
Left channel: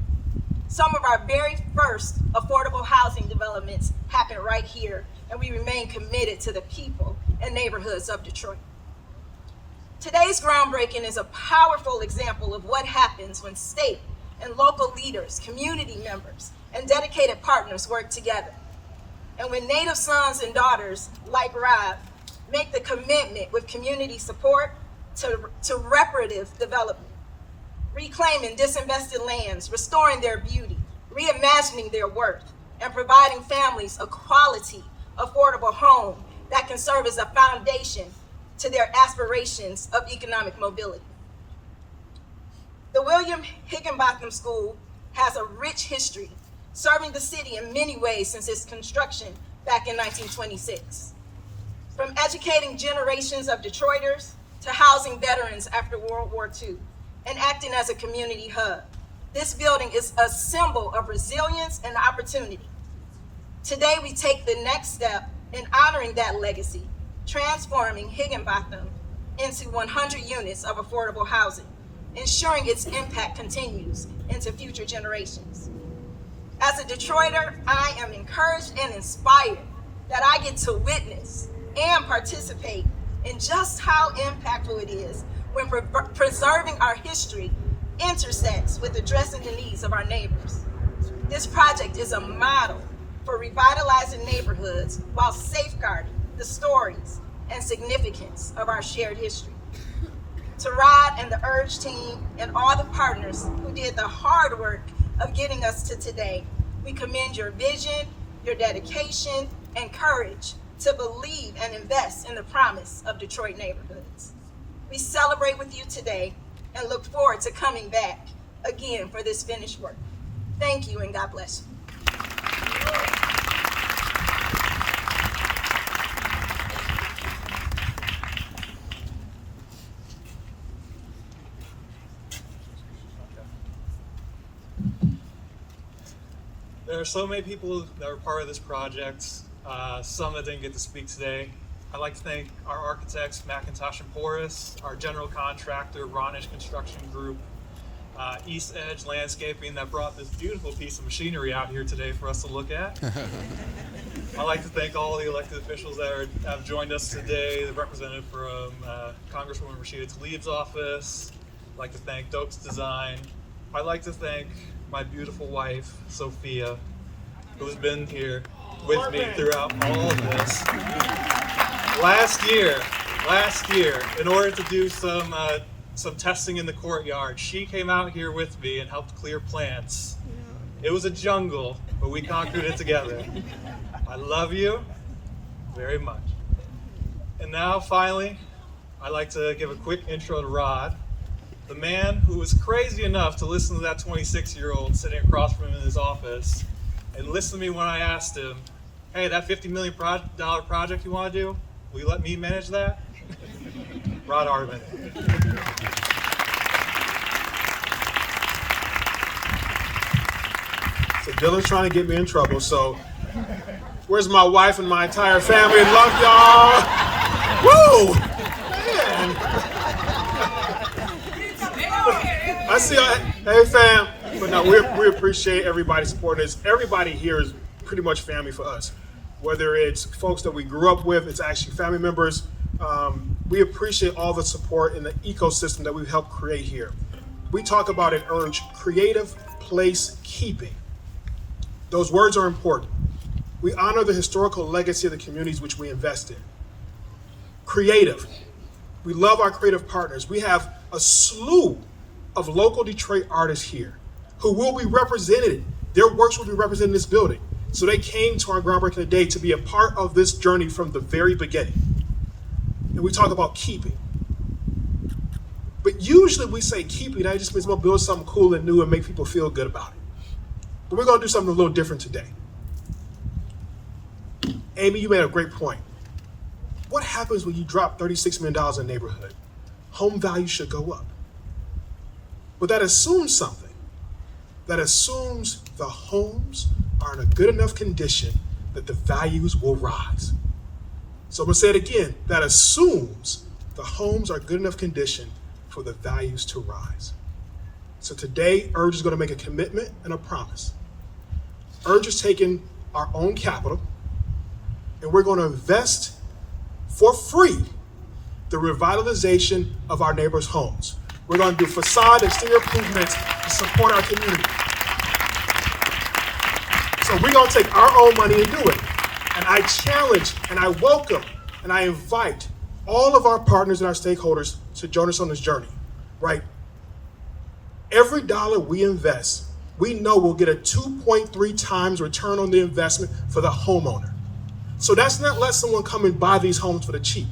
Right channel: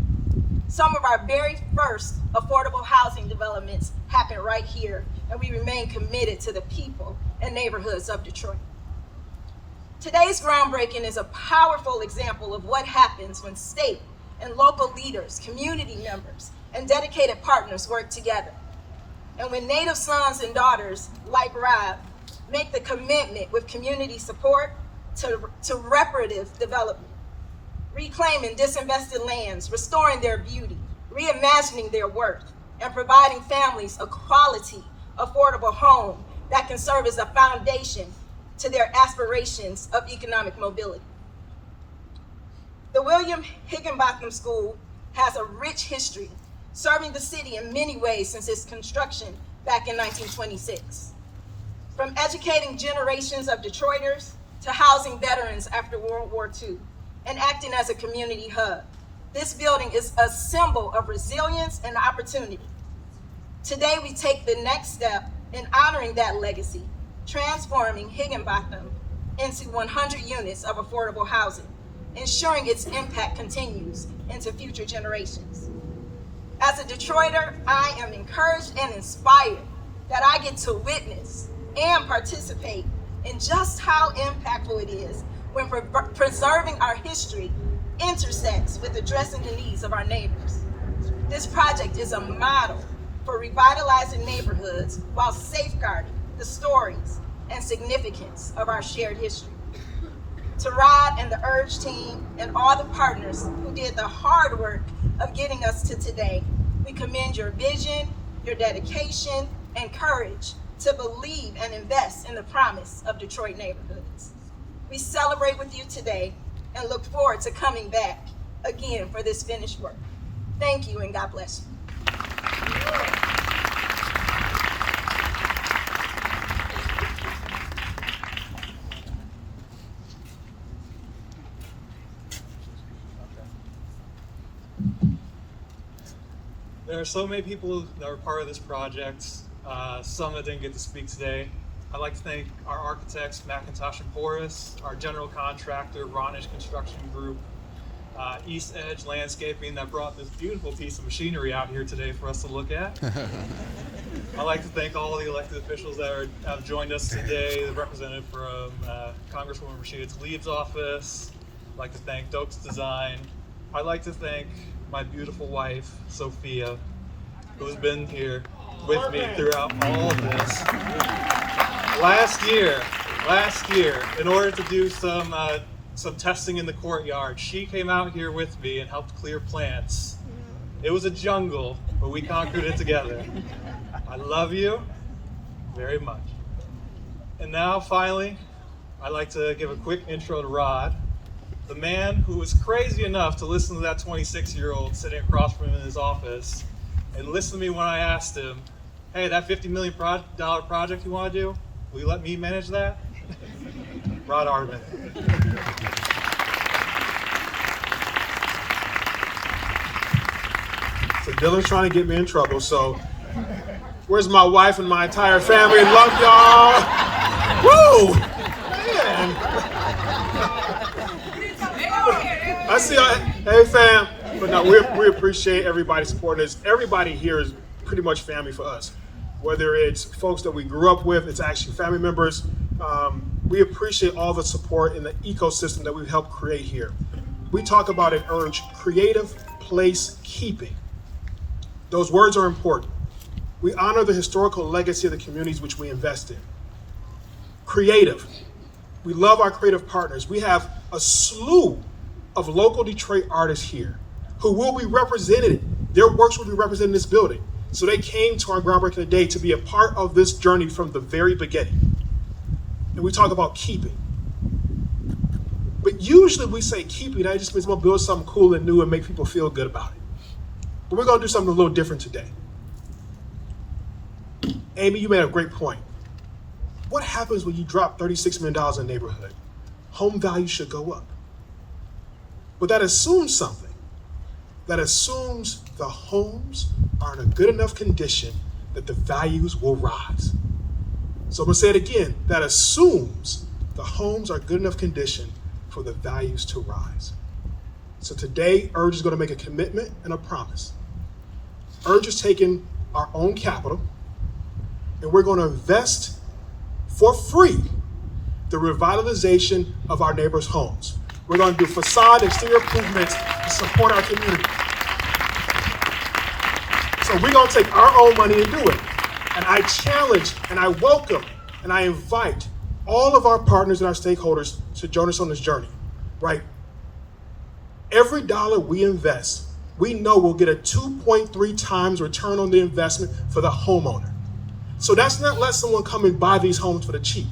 Some of our very first affordable housing developments happened right here, and we remain committed to the people and neighborhoods of Detroit. Today's groundbreaking is a powerful example of what happens when state and local leaders, community members, and dedicated partners work together. And when Native sons and daughters like Rob make the commitment with community support to reparative development, reclaiming disinvested lands, restoring their beauty, reimagining their worth, and providing families a quality, affordable home that can serve as a foundation to their aspirations of economic mobility. The William Higginbotham School has a rich history, serving the city in many ways since its construction back in 1926. From educating generations of Detroiters to housing veterans after World War II and acting as a community hub, this building is a symbol of resilience and opportunity. Today, we take the next step in honoring that legacy, transforming Higginbotham into 100 units of affordable housing, ensuring its impact continues into future generations. As a Detroiter, I am encouraged and inspired that I get to witness and participate in just how impactful it is when preserving our history intersects with addressing the needs of our neighbors. This project is a model for revitalizing neighborhoods while safeguarding the stories and significance of our shared history. To Rod and the Urge team and all the partners who did the hard work of getting us to today, we commend your vision, your dedication, and courage to believe and invest in the promise of Detroit neighborhoods. We celebrate with you today and look forward to coming back again for this finished work. Thank you and God bless you. There are so many people that are part of this project, some that didn't get to speak today. I'd like to thank our architects, McIntosh and Porras, our general contractor, Ronish Construction Group, East Edge Landscaping that brought this beautiful piece of machinery out here today for us to look at. I'd like to thank all the elected officials that have joined us today, the representative from Congresswoman Rashida Tlaib's office. I'd like to thank Dokes Design. I'd like to thank my beautiful wife, Sophia, who has been here with me throughout all of this. Last year, in order to do some testing in the courtyard, she came out here with me and helped clear plants. It was a jungle, but we conquered it together. I love you very much. And now, finally, I'd like to give a quick intro to Rod, the man who was crazy enough to listen to that 26-year-old sitting across from him in his office and listen to me when I asked him, hey, that $50 million project you want to do, will you let me manage that? Rod Arman. So Dylan's trying to get me in trouble, so where's my wife and my entire family? Love y'all. Woo! Man. I see y'all. Hey, fam. But no, we appreciate everybody supporting us. Everybody here is pretty much family for us. Whether it's folks that we grew up with, it's actually family members. We appreciate all the support in the ecosystem that we've helped create here. We talk about at Urge, creative place keeping. Those words are important. We honor the historical legacy of the communities which we invest in. Creative. We love our creative partners. We have a slew of local Detroit artists here who will be represented. Their works will be represented in this building. So they came to our groundbreaking today to be a part of this journey from the very beginning. And we talk about keeping. But usually we say keeping, that just means we're gonna build something cool and new and make people feel good about it. But we're gonna do something a little different today. Amy, you made a great point. What happens when you drop $36 million in a neighborhood? Home value should go up. But that assumes something. That assumes the homes are in a good enough condition that the values will rise. So I'm gonna say it again. That assumes the homes are good enough condition for the values to rise. So today, URGE is gonna make a commitment and a promise. URGE is taking our own capital and we're gonna invest for free the revitalization of our neighbors' homes. We're gonna do facade exterior improvements to support our community. So we're gonna take our own money and do it. And I challenge and I welcome and I invite all of our partners and our stakeholders to join us on this journey, right? Every dollar we invest, we know we'll get a 2.3 times return on the investment for the homeowner. So that's not let someone come and buy these homes for the cheap.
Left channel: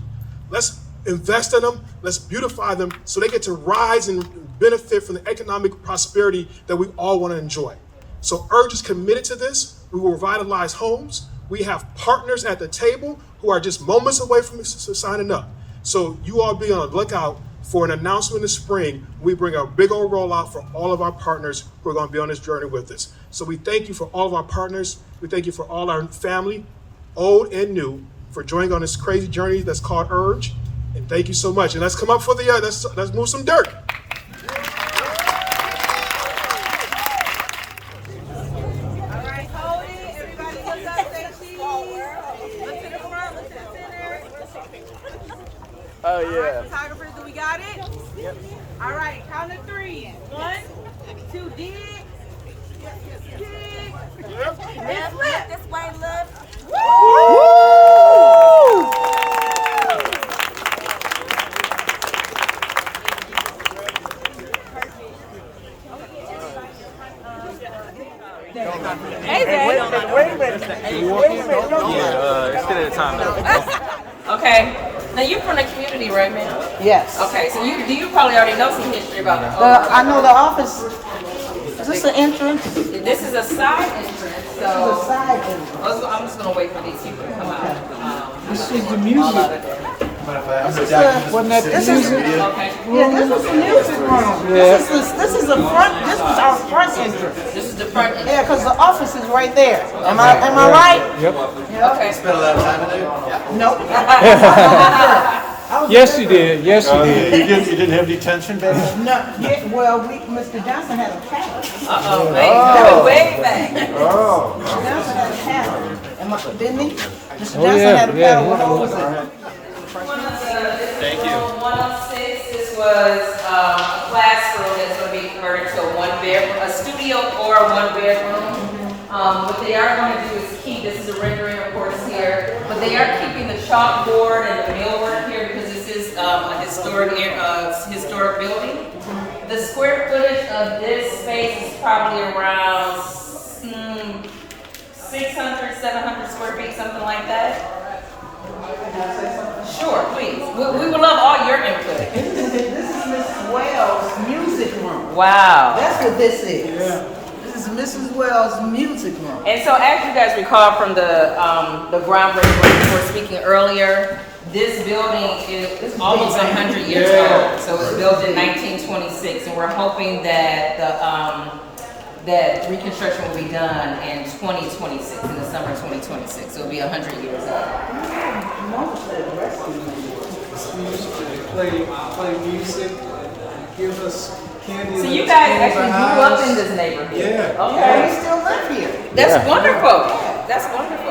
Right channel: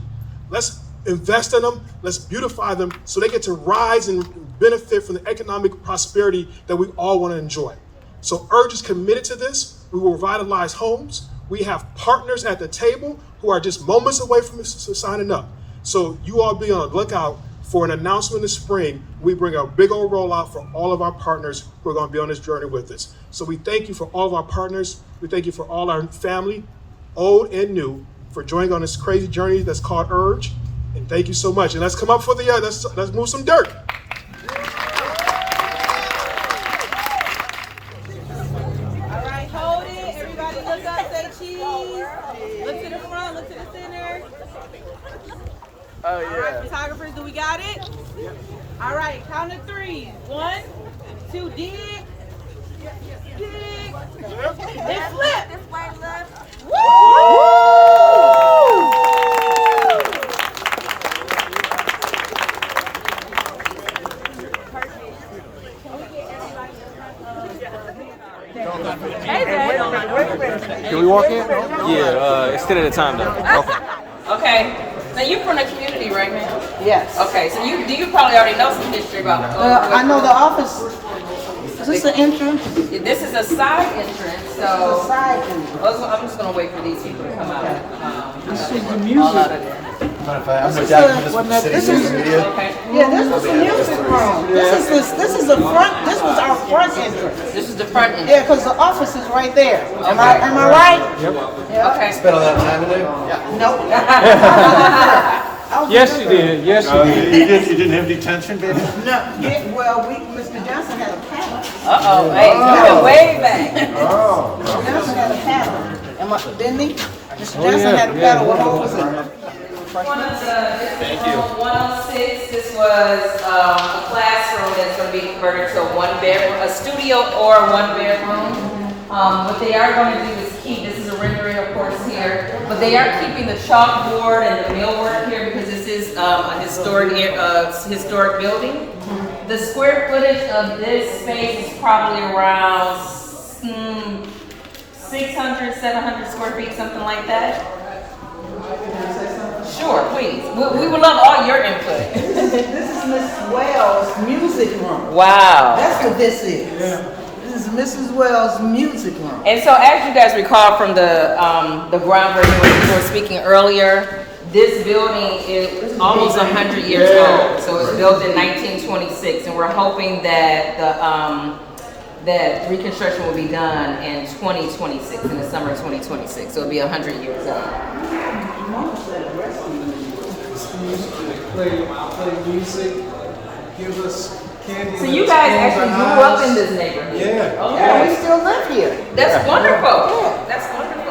Let's invest in them, let's beautify them so they get to rise and benefit from the economic prosperity that we all want to enjoy. So URGE is committed to this. We will revitalize homes. We have partners at the table who are just moments away from signing up. So you all be on the lookout for an announcement in the spring. We bring a big old rollout for all of our partners who are going to be on this journey with us. So we thank you for all of our partners. We thank you for all our family, old and new, for joining on this crazy journey that's called URGE. And thank you so much. And let's come up for the, let's move some dirt. Oh yeah. Photographers, do we got it? Yep. All right, count to 3. 1, 2, dig. Dig. And flip. This way, left. Woo! Can we walk in? Yeah, instead of the time though. Okay. Okay. Now you're from the community right now? Yes. Okay, so you probably already know some history about I know the office. Is this the entrance? This is a side entrance, so. This is a side entrance. Also, I'm just gonna wait for these people to come out. This is the music. This is Okay. yeah. This is the music room. This is the front. This was our front entrance. This is the front entrance. Yeah, because the office is right there. Am I right? Yep. Yeah. Okay. Spent a lot of time in there? Yeah. Nope. Yes, you did. Yes, you did. You didn't have detention back then? No. Yeah. Well, Mr. Johnson had a paddle. Hey, you went way back. Oh. Mr. Johnson had a paddle. Didn't he? Mr. Johnson had a paddle with holes in it. Thank you. 106, this was a classroom that's going to be converted to a studio or 1 bedroom. What they are going to do is keep, this is a rendering of course here, but they are keeping the chalkboard and the millwork here because this is a historic building. The square footage of this space is probably around 600, 700 square feet, something like that. Sure, please. We would love all your input. This is Miss Wells' music room. Wow. That's what this is. Yeah. This is Mrs. Wells' music room. And so as you guys recall from the groundbreaking we were speaking earlier, this building is almost 100 years old. So it was built in 1926 and we're hoping that that reconstruction will be done in 2026, in the summer of 2026. So it'll be 100 years old. Play music, give us candy. So you guys actually grew up in this neighborhood? Yeah. Okay. Yeah, we still live here. That's wonderful. Yeah. That's wonderful.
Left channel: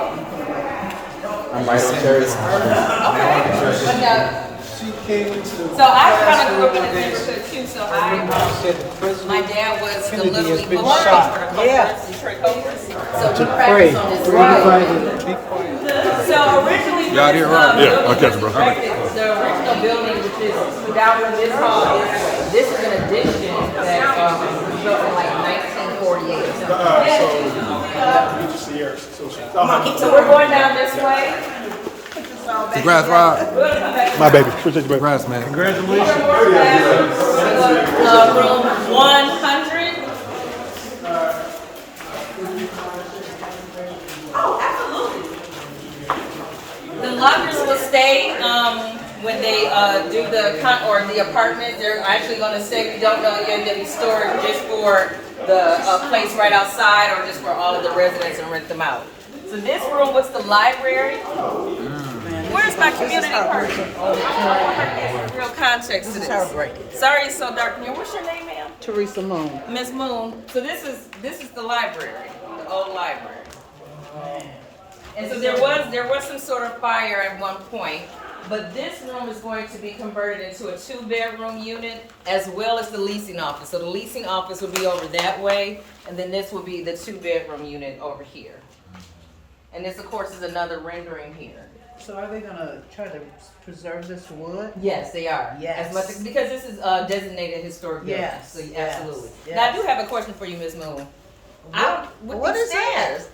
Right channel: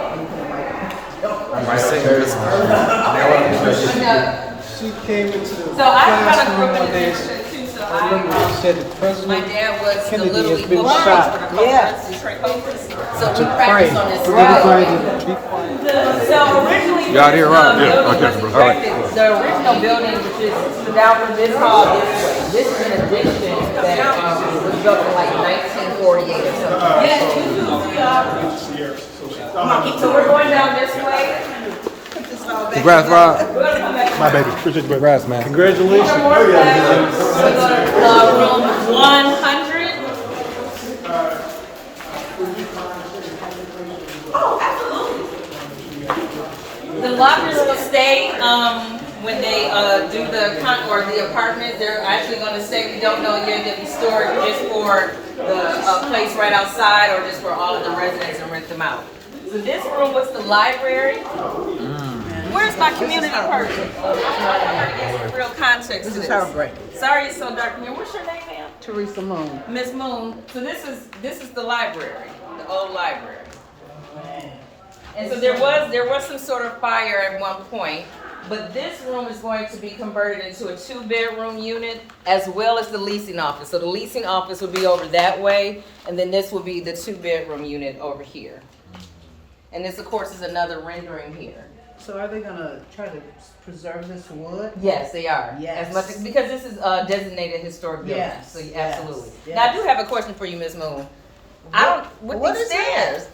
But now, she came into so I kind of grew up in the neighborhood too. So my dad was the Little League football coach for the Cobras, Detroit Cobras. So we practiced on this field. So originally building. You out here, right? This, Yeah, building okay, was all right. erected, the original building, which is down from this hall this way. This is an addition that was built in like 1948 or something. So we're going down this way. Congrats, Rob. My baby. Appreciate you, baby. Congrats, man. Congratulations. Room 100. Oh, absolutely. The lockers will stay when they do the apartment. They're actually going to stay. We don't know yet. They'll be stored just for the place right outside, or just for all of the residents and rent them out. So this room was the library. Where's my community person? I want her to give some real context to this. Sorry it's so dark in here. What's your name, ma'am? Teresa Moon. Miss Moon. So this is the library, the old library. And so there was some sort of fire at one point, but this room is going to be converted into a 2-bedroom unit as well as the leasing office. So the leasing office will be over that way, and then this will be the 2-bedroom unit over here. And this, of course, is another rendering here. So are they gonna try to preserve this wood? Yes, they are. Yes. As much because this is designated historic building. Yes, So yes, absolutely. yes. Now I do have a question for you, Ms. Moon. What is stairs?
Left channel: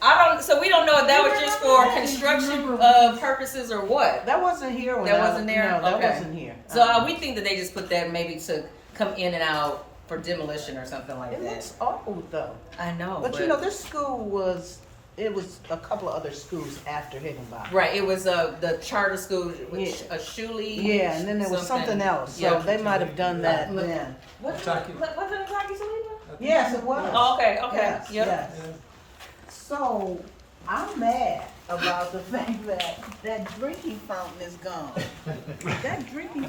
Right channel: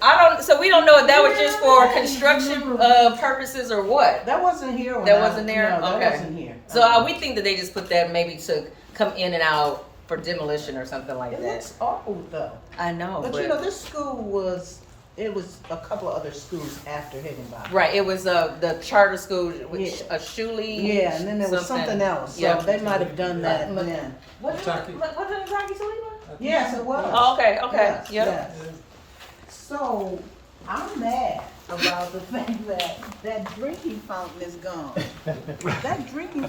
So we don't know if that was just for construction purposes or what. That wasn't here when That wasn't there? No, that Okay. wasn't here. So we think that they just put that maybe to come in and out for demolition or something like It that. looks old though. I know, But you know, this school was a couple of other schools after Higginbotham. Right, it was the charter school, which a Shuley. Yeah, and then there was something else. So Yeah. they might have done that then. Was it Kentucky Toledo? Yes, it was. Oh, okay, okay. Yes, Yep. yes. So I'm mad about the fact that drinking fountain is gone. That drinking,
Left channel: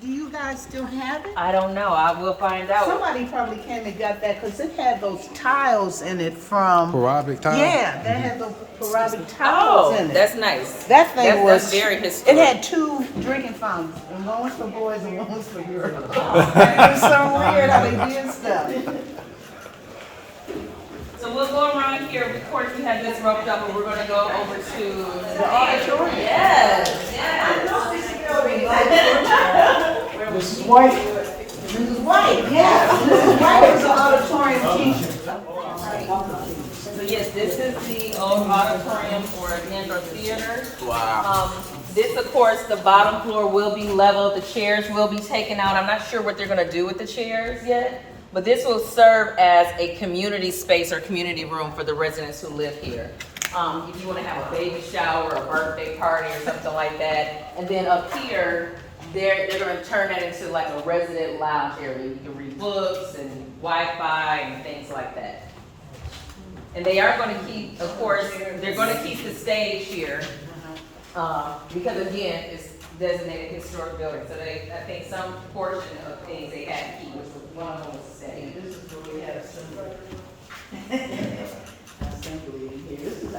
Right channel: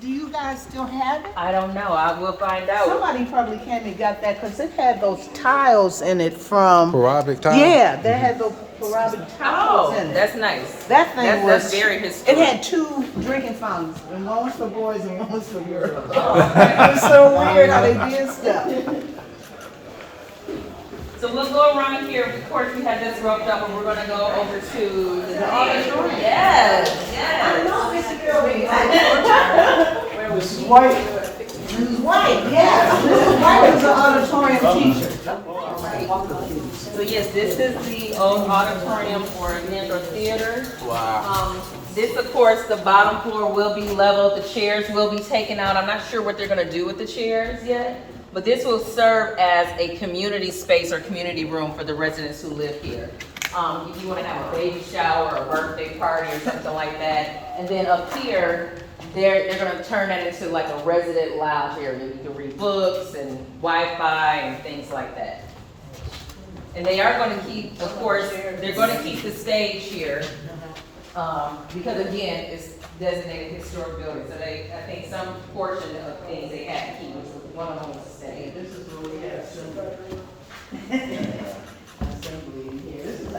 do you guys still have it? I don't know. I will find out. Somebody probably came and got that because it had those tiles in it from. Parabolic tile? Yeah, that had those parabolic tiles in it. That's nice. That thing That's was. very historic. It had 2 drinking fountains, and one was for boys and one was for girls. It was so weird how they did stuff. So we'll go around here. Of course, we have this roped up, and we're going to go over to the auditorium. Yes, yes. I know this building. This is white. This is white, yeah. This is white is an auditorium teacher. So yes, this is the old auditorium or indoor theater. Wow. This, of course, the bottom floor will be leveled. The chairs will be taken out. I'm not sure what they're going to do with the chairs yet. But this will serve as a community space or community room for the residents who live here. If you want to have a baby shower, a birthday party or something like that. And then up here, they're going to turn that into like a resident lounge area. You can read books and Wi-Fi and things like that. And they are going to keep, of course, they're going to keep the stage here. Because again, it's designated historic building. So I think some portion of things they had to keep, which was one of them was the stage. This is where we had assembly. Assembly in here. This is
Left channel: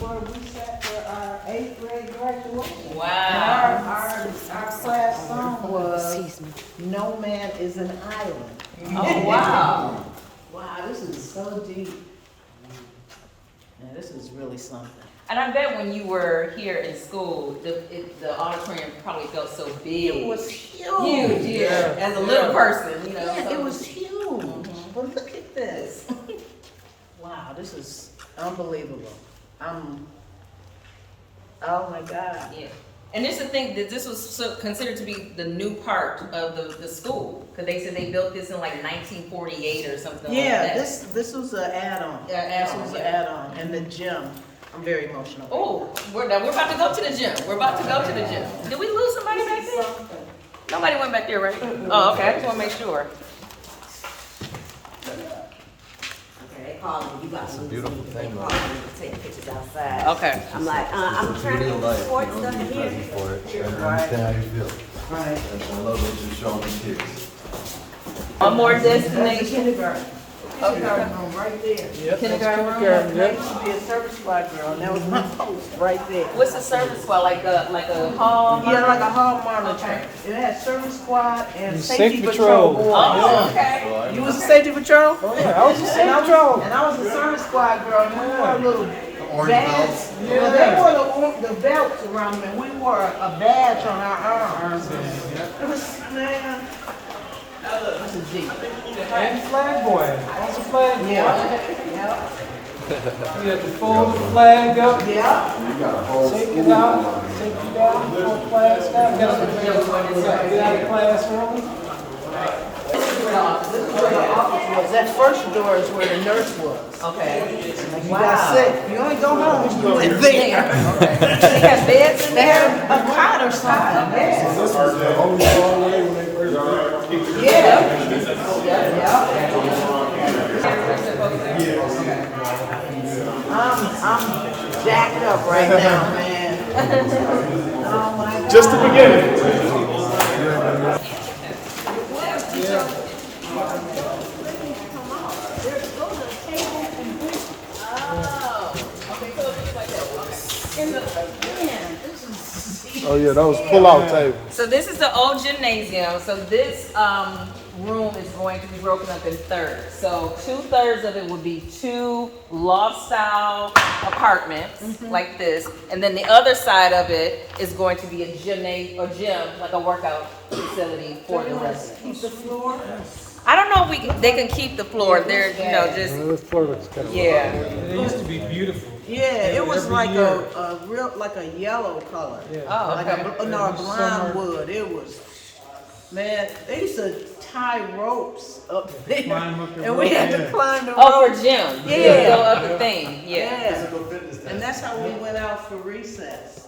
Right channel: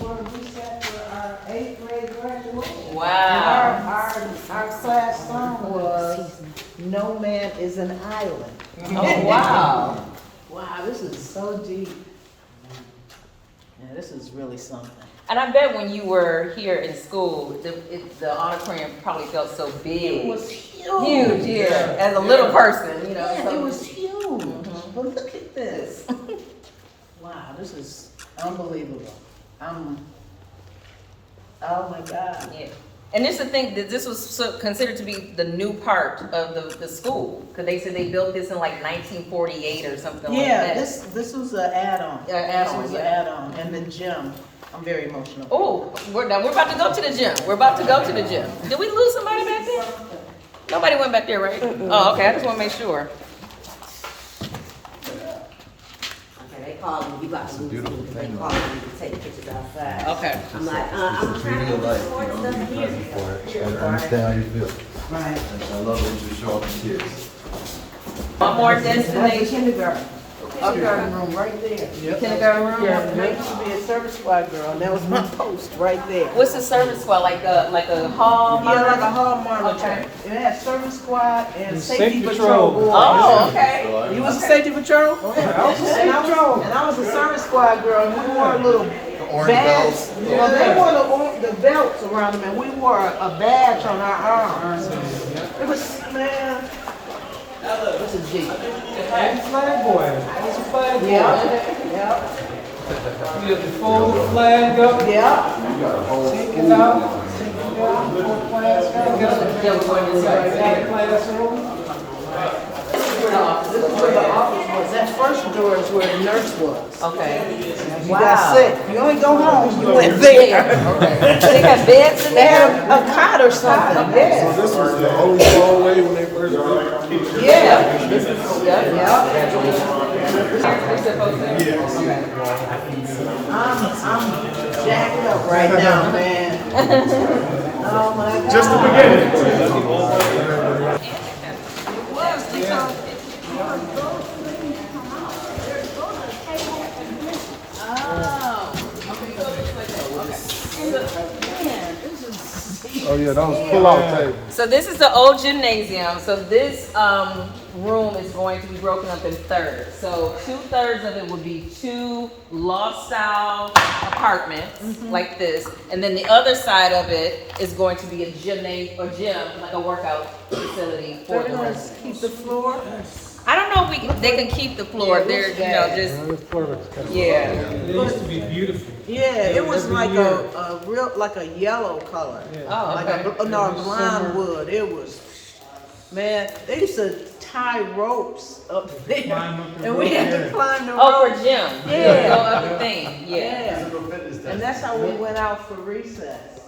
where we sat for our 8th grade graduation. Wow. And our class song was "No Man is an Island." Oh, wow. Wow, this is so deep. Yeah, this is really something. And I bet when you were here in school, the auditorium probably felt so big. It was huge. Huge, yeah. As a little person, you know. Yeah, so- it was huge. But look at this. Wow, this is unbelievable. Oh my God. Yeah. And this is the thing, that this was considered to be the new part of the school. Because they said they built this in like 1948 or something like Yeah, that. this was an add-on. This was an add-on. And the gym, I'm very emotional. Oh, we're about to go to the gym. We're about to go to the gym. Did we lose somebody back there? Nobody went back there, right? Oh, okay, I just want to make sure. They call me, you got to lose me, they call me to take pictures outside. Okay. I'm like, I'm trying to go to sports, nothing here. I understand how you feel. Right. And I love what you're showing the kids. One more That's the destination. kindergarten. Kindergarten room right there. Kindergarten room? Yeah, I used to be a service squad girl, and there was my post right there. What's the service squad, like a hall? Yeah, like a hall monitor. Okay. It had service squad and Safety safety patrol patrol. boys. Oh, okay. You was a safety patrol? Yeah, I was a And I was a service squad girl, and we wore little orange badge. belts. Well, they wore the belts around them, and we wore a badge on our arms. It was, man, this is deep. And flag boy, also flag boy. Yeah. We have to fold the flag up. Yeah. Take it out, take it down, fold flags down. Got the classroom. This is where the office was. That first door is where the nurse was. Okay. Like you got sick. You only go home. You went there. They had beds? They had a cot or something. Yeah. So this was the only doorway when they first built it? Yeah. Yeah. I'm jacked up right now, man. Oh my God. Just the beginning. Oh yeah, that was pull-out table. So this is the old gymnasium. So this room is going to be broken up in thirds. So 2/3 of it would be 2 loft-style apartments like this, and then the other side of it is going to be a gym, like a workout facility for the residents. Keep the floor. I don't know if they can keep the floor. They're just yeah. It used to be beautiful. Yeah, it was like a real, like a yellow color. Oh, like okay. a blonde wood. It was, man, they used to tie ropes up there. And we had to climb the ropes. Oh, for gym. Yeah. Go up the thing. Yeah. And that's how we went out for recess.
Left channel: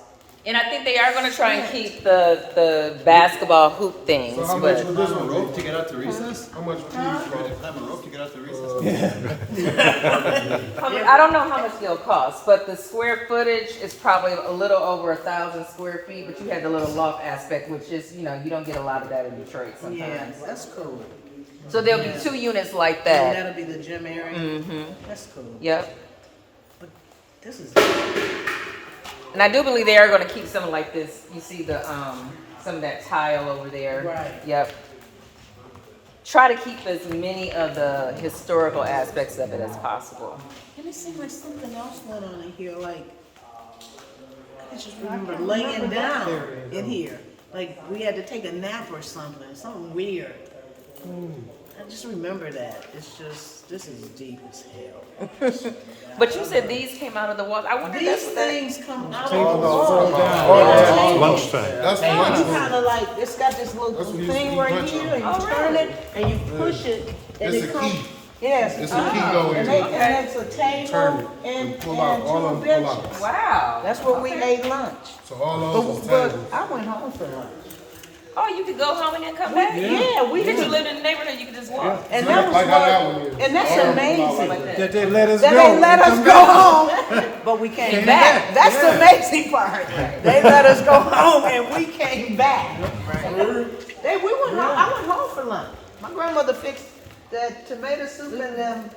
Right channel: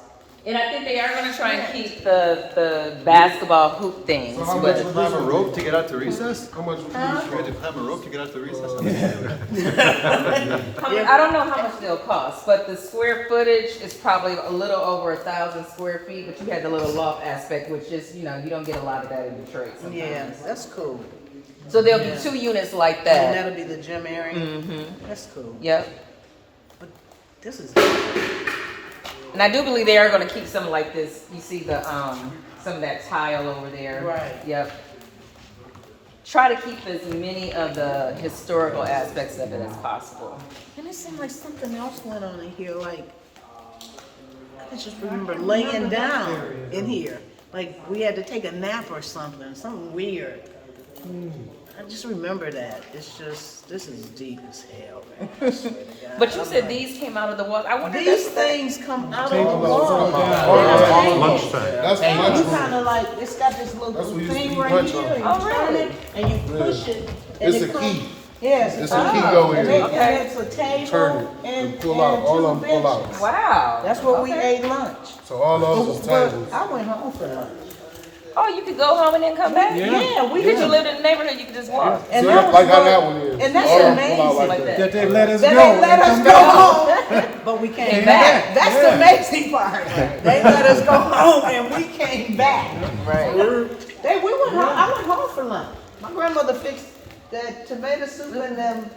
And I think they are going to try and keep the basketball hoop things. So how much would you climb a rope to get out to recess? How much would you had to climb a rope to get out to recess? I don't know how much they'll cost, but the square footage is probably a little over 1,000 square feet. But you had the little loft aspect, which is, you don't get a lot of that in Detroit sometimes. Yeah, that's cool. So there'll be 2 units like that. And that'll be the gym area. That's cool. Yep. But this is. And I do believe they are going to keep something like this. You see the some of that tile over there. Right. Yep. Try to keep as many of the historical aspects of it as possible. And it seemed like something else went on in here, like, I just remember laying down in here. Like, we had to take a nap or something weird. I just remember that. It's just, this is deep as hell. I swear to God. But you said these came out of the walls. I wonder if that's These what that things come out of the wall. That's And you punch. kind of like, it's got this little That's what you thing used to right punch here, on. and you turn it, and you push it, and It's it a comes. key. Yes. It's a key going And in. it's a Turn table it and and pull out. All two of them pull out. benches. Wow. That's where we ate lunch. So all those is But tables. I went home for lunch. Oh, you could go home and then come back? Yeah, we You could did. live in the neighborhood, you could just walk. And So that was like how what- that one is. and that's All of them pull out amazing. like that. That they let us They go. let and us come go back. home, but we came Came back. back. That's the Yeah. amazing part. They let us go home and we came back. We went home. I went home for lunch. My grandmother fixed that tomato soup and them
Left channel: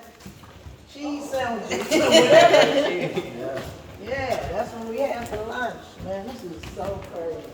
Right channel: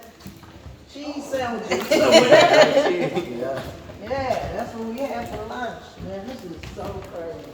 cheese sandwiches or whatever. Yeah, that's what we had for lunch. Man, this is so crazy.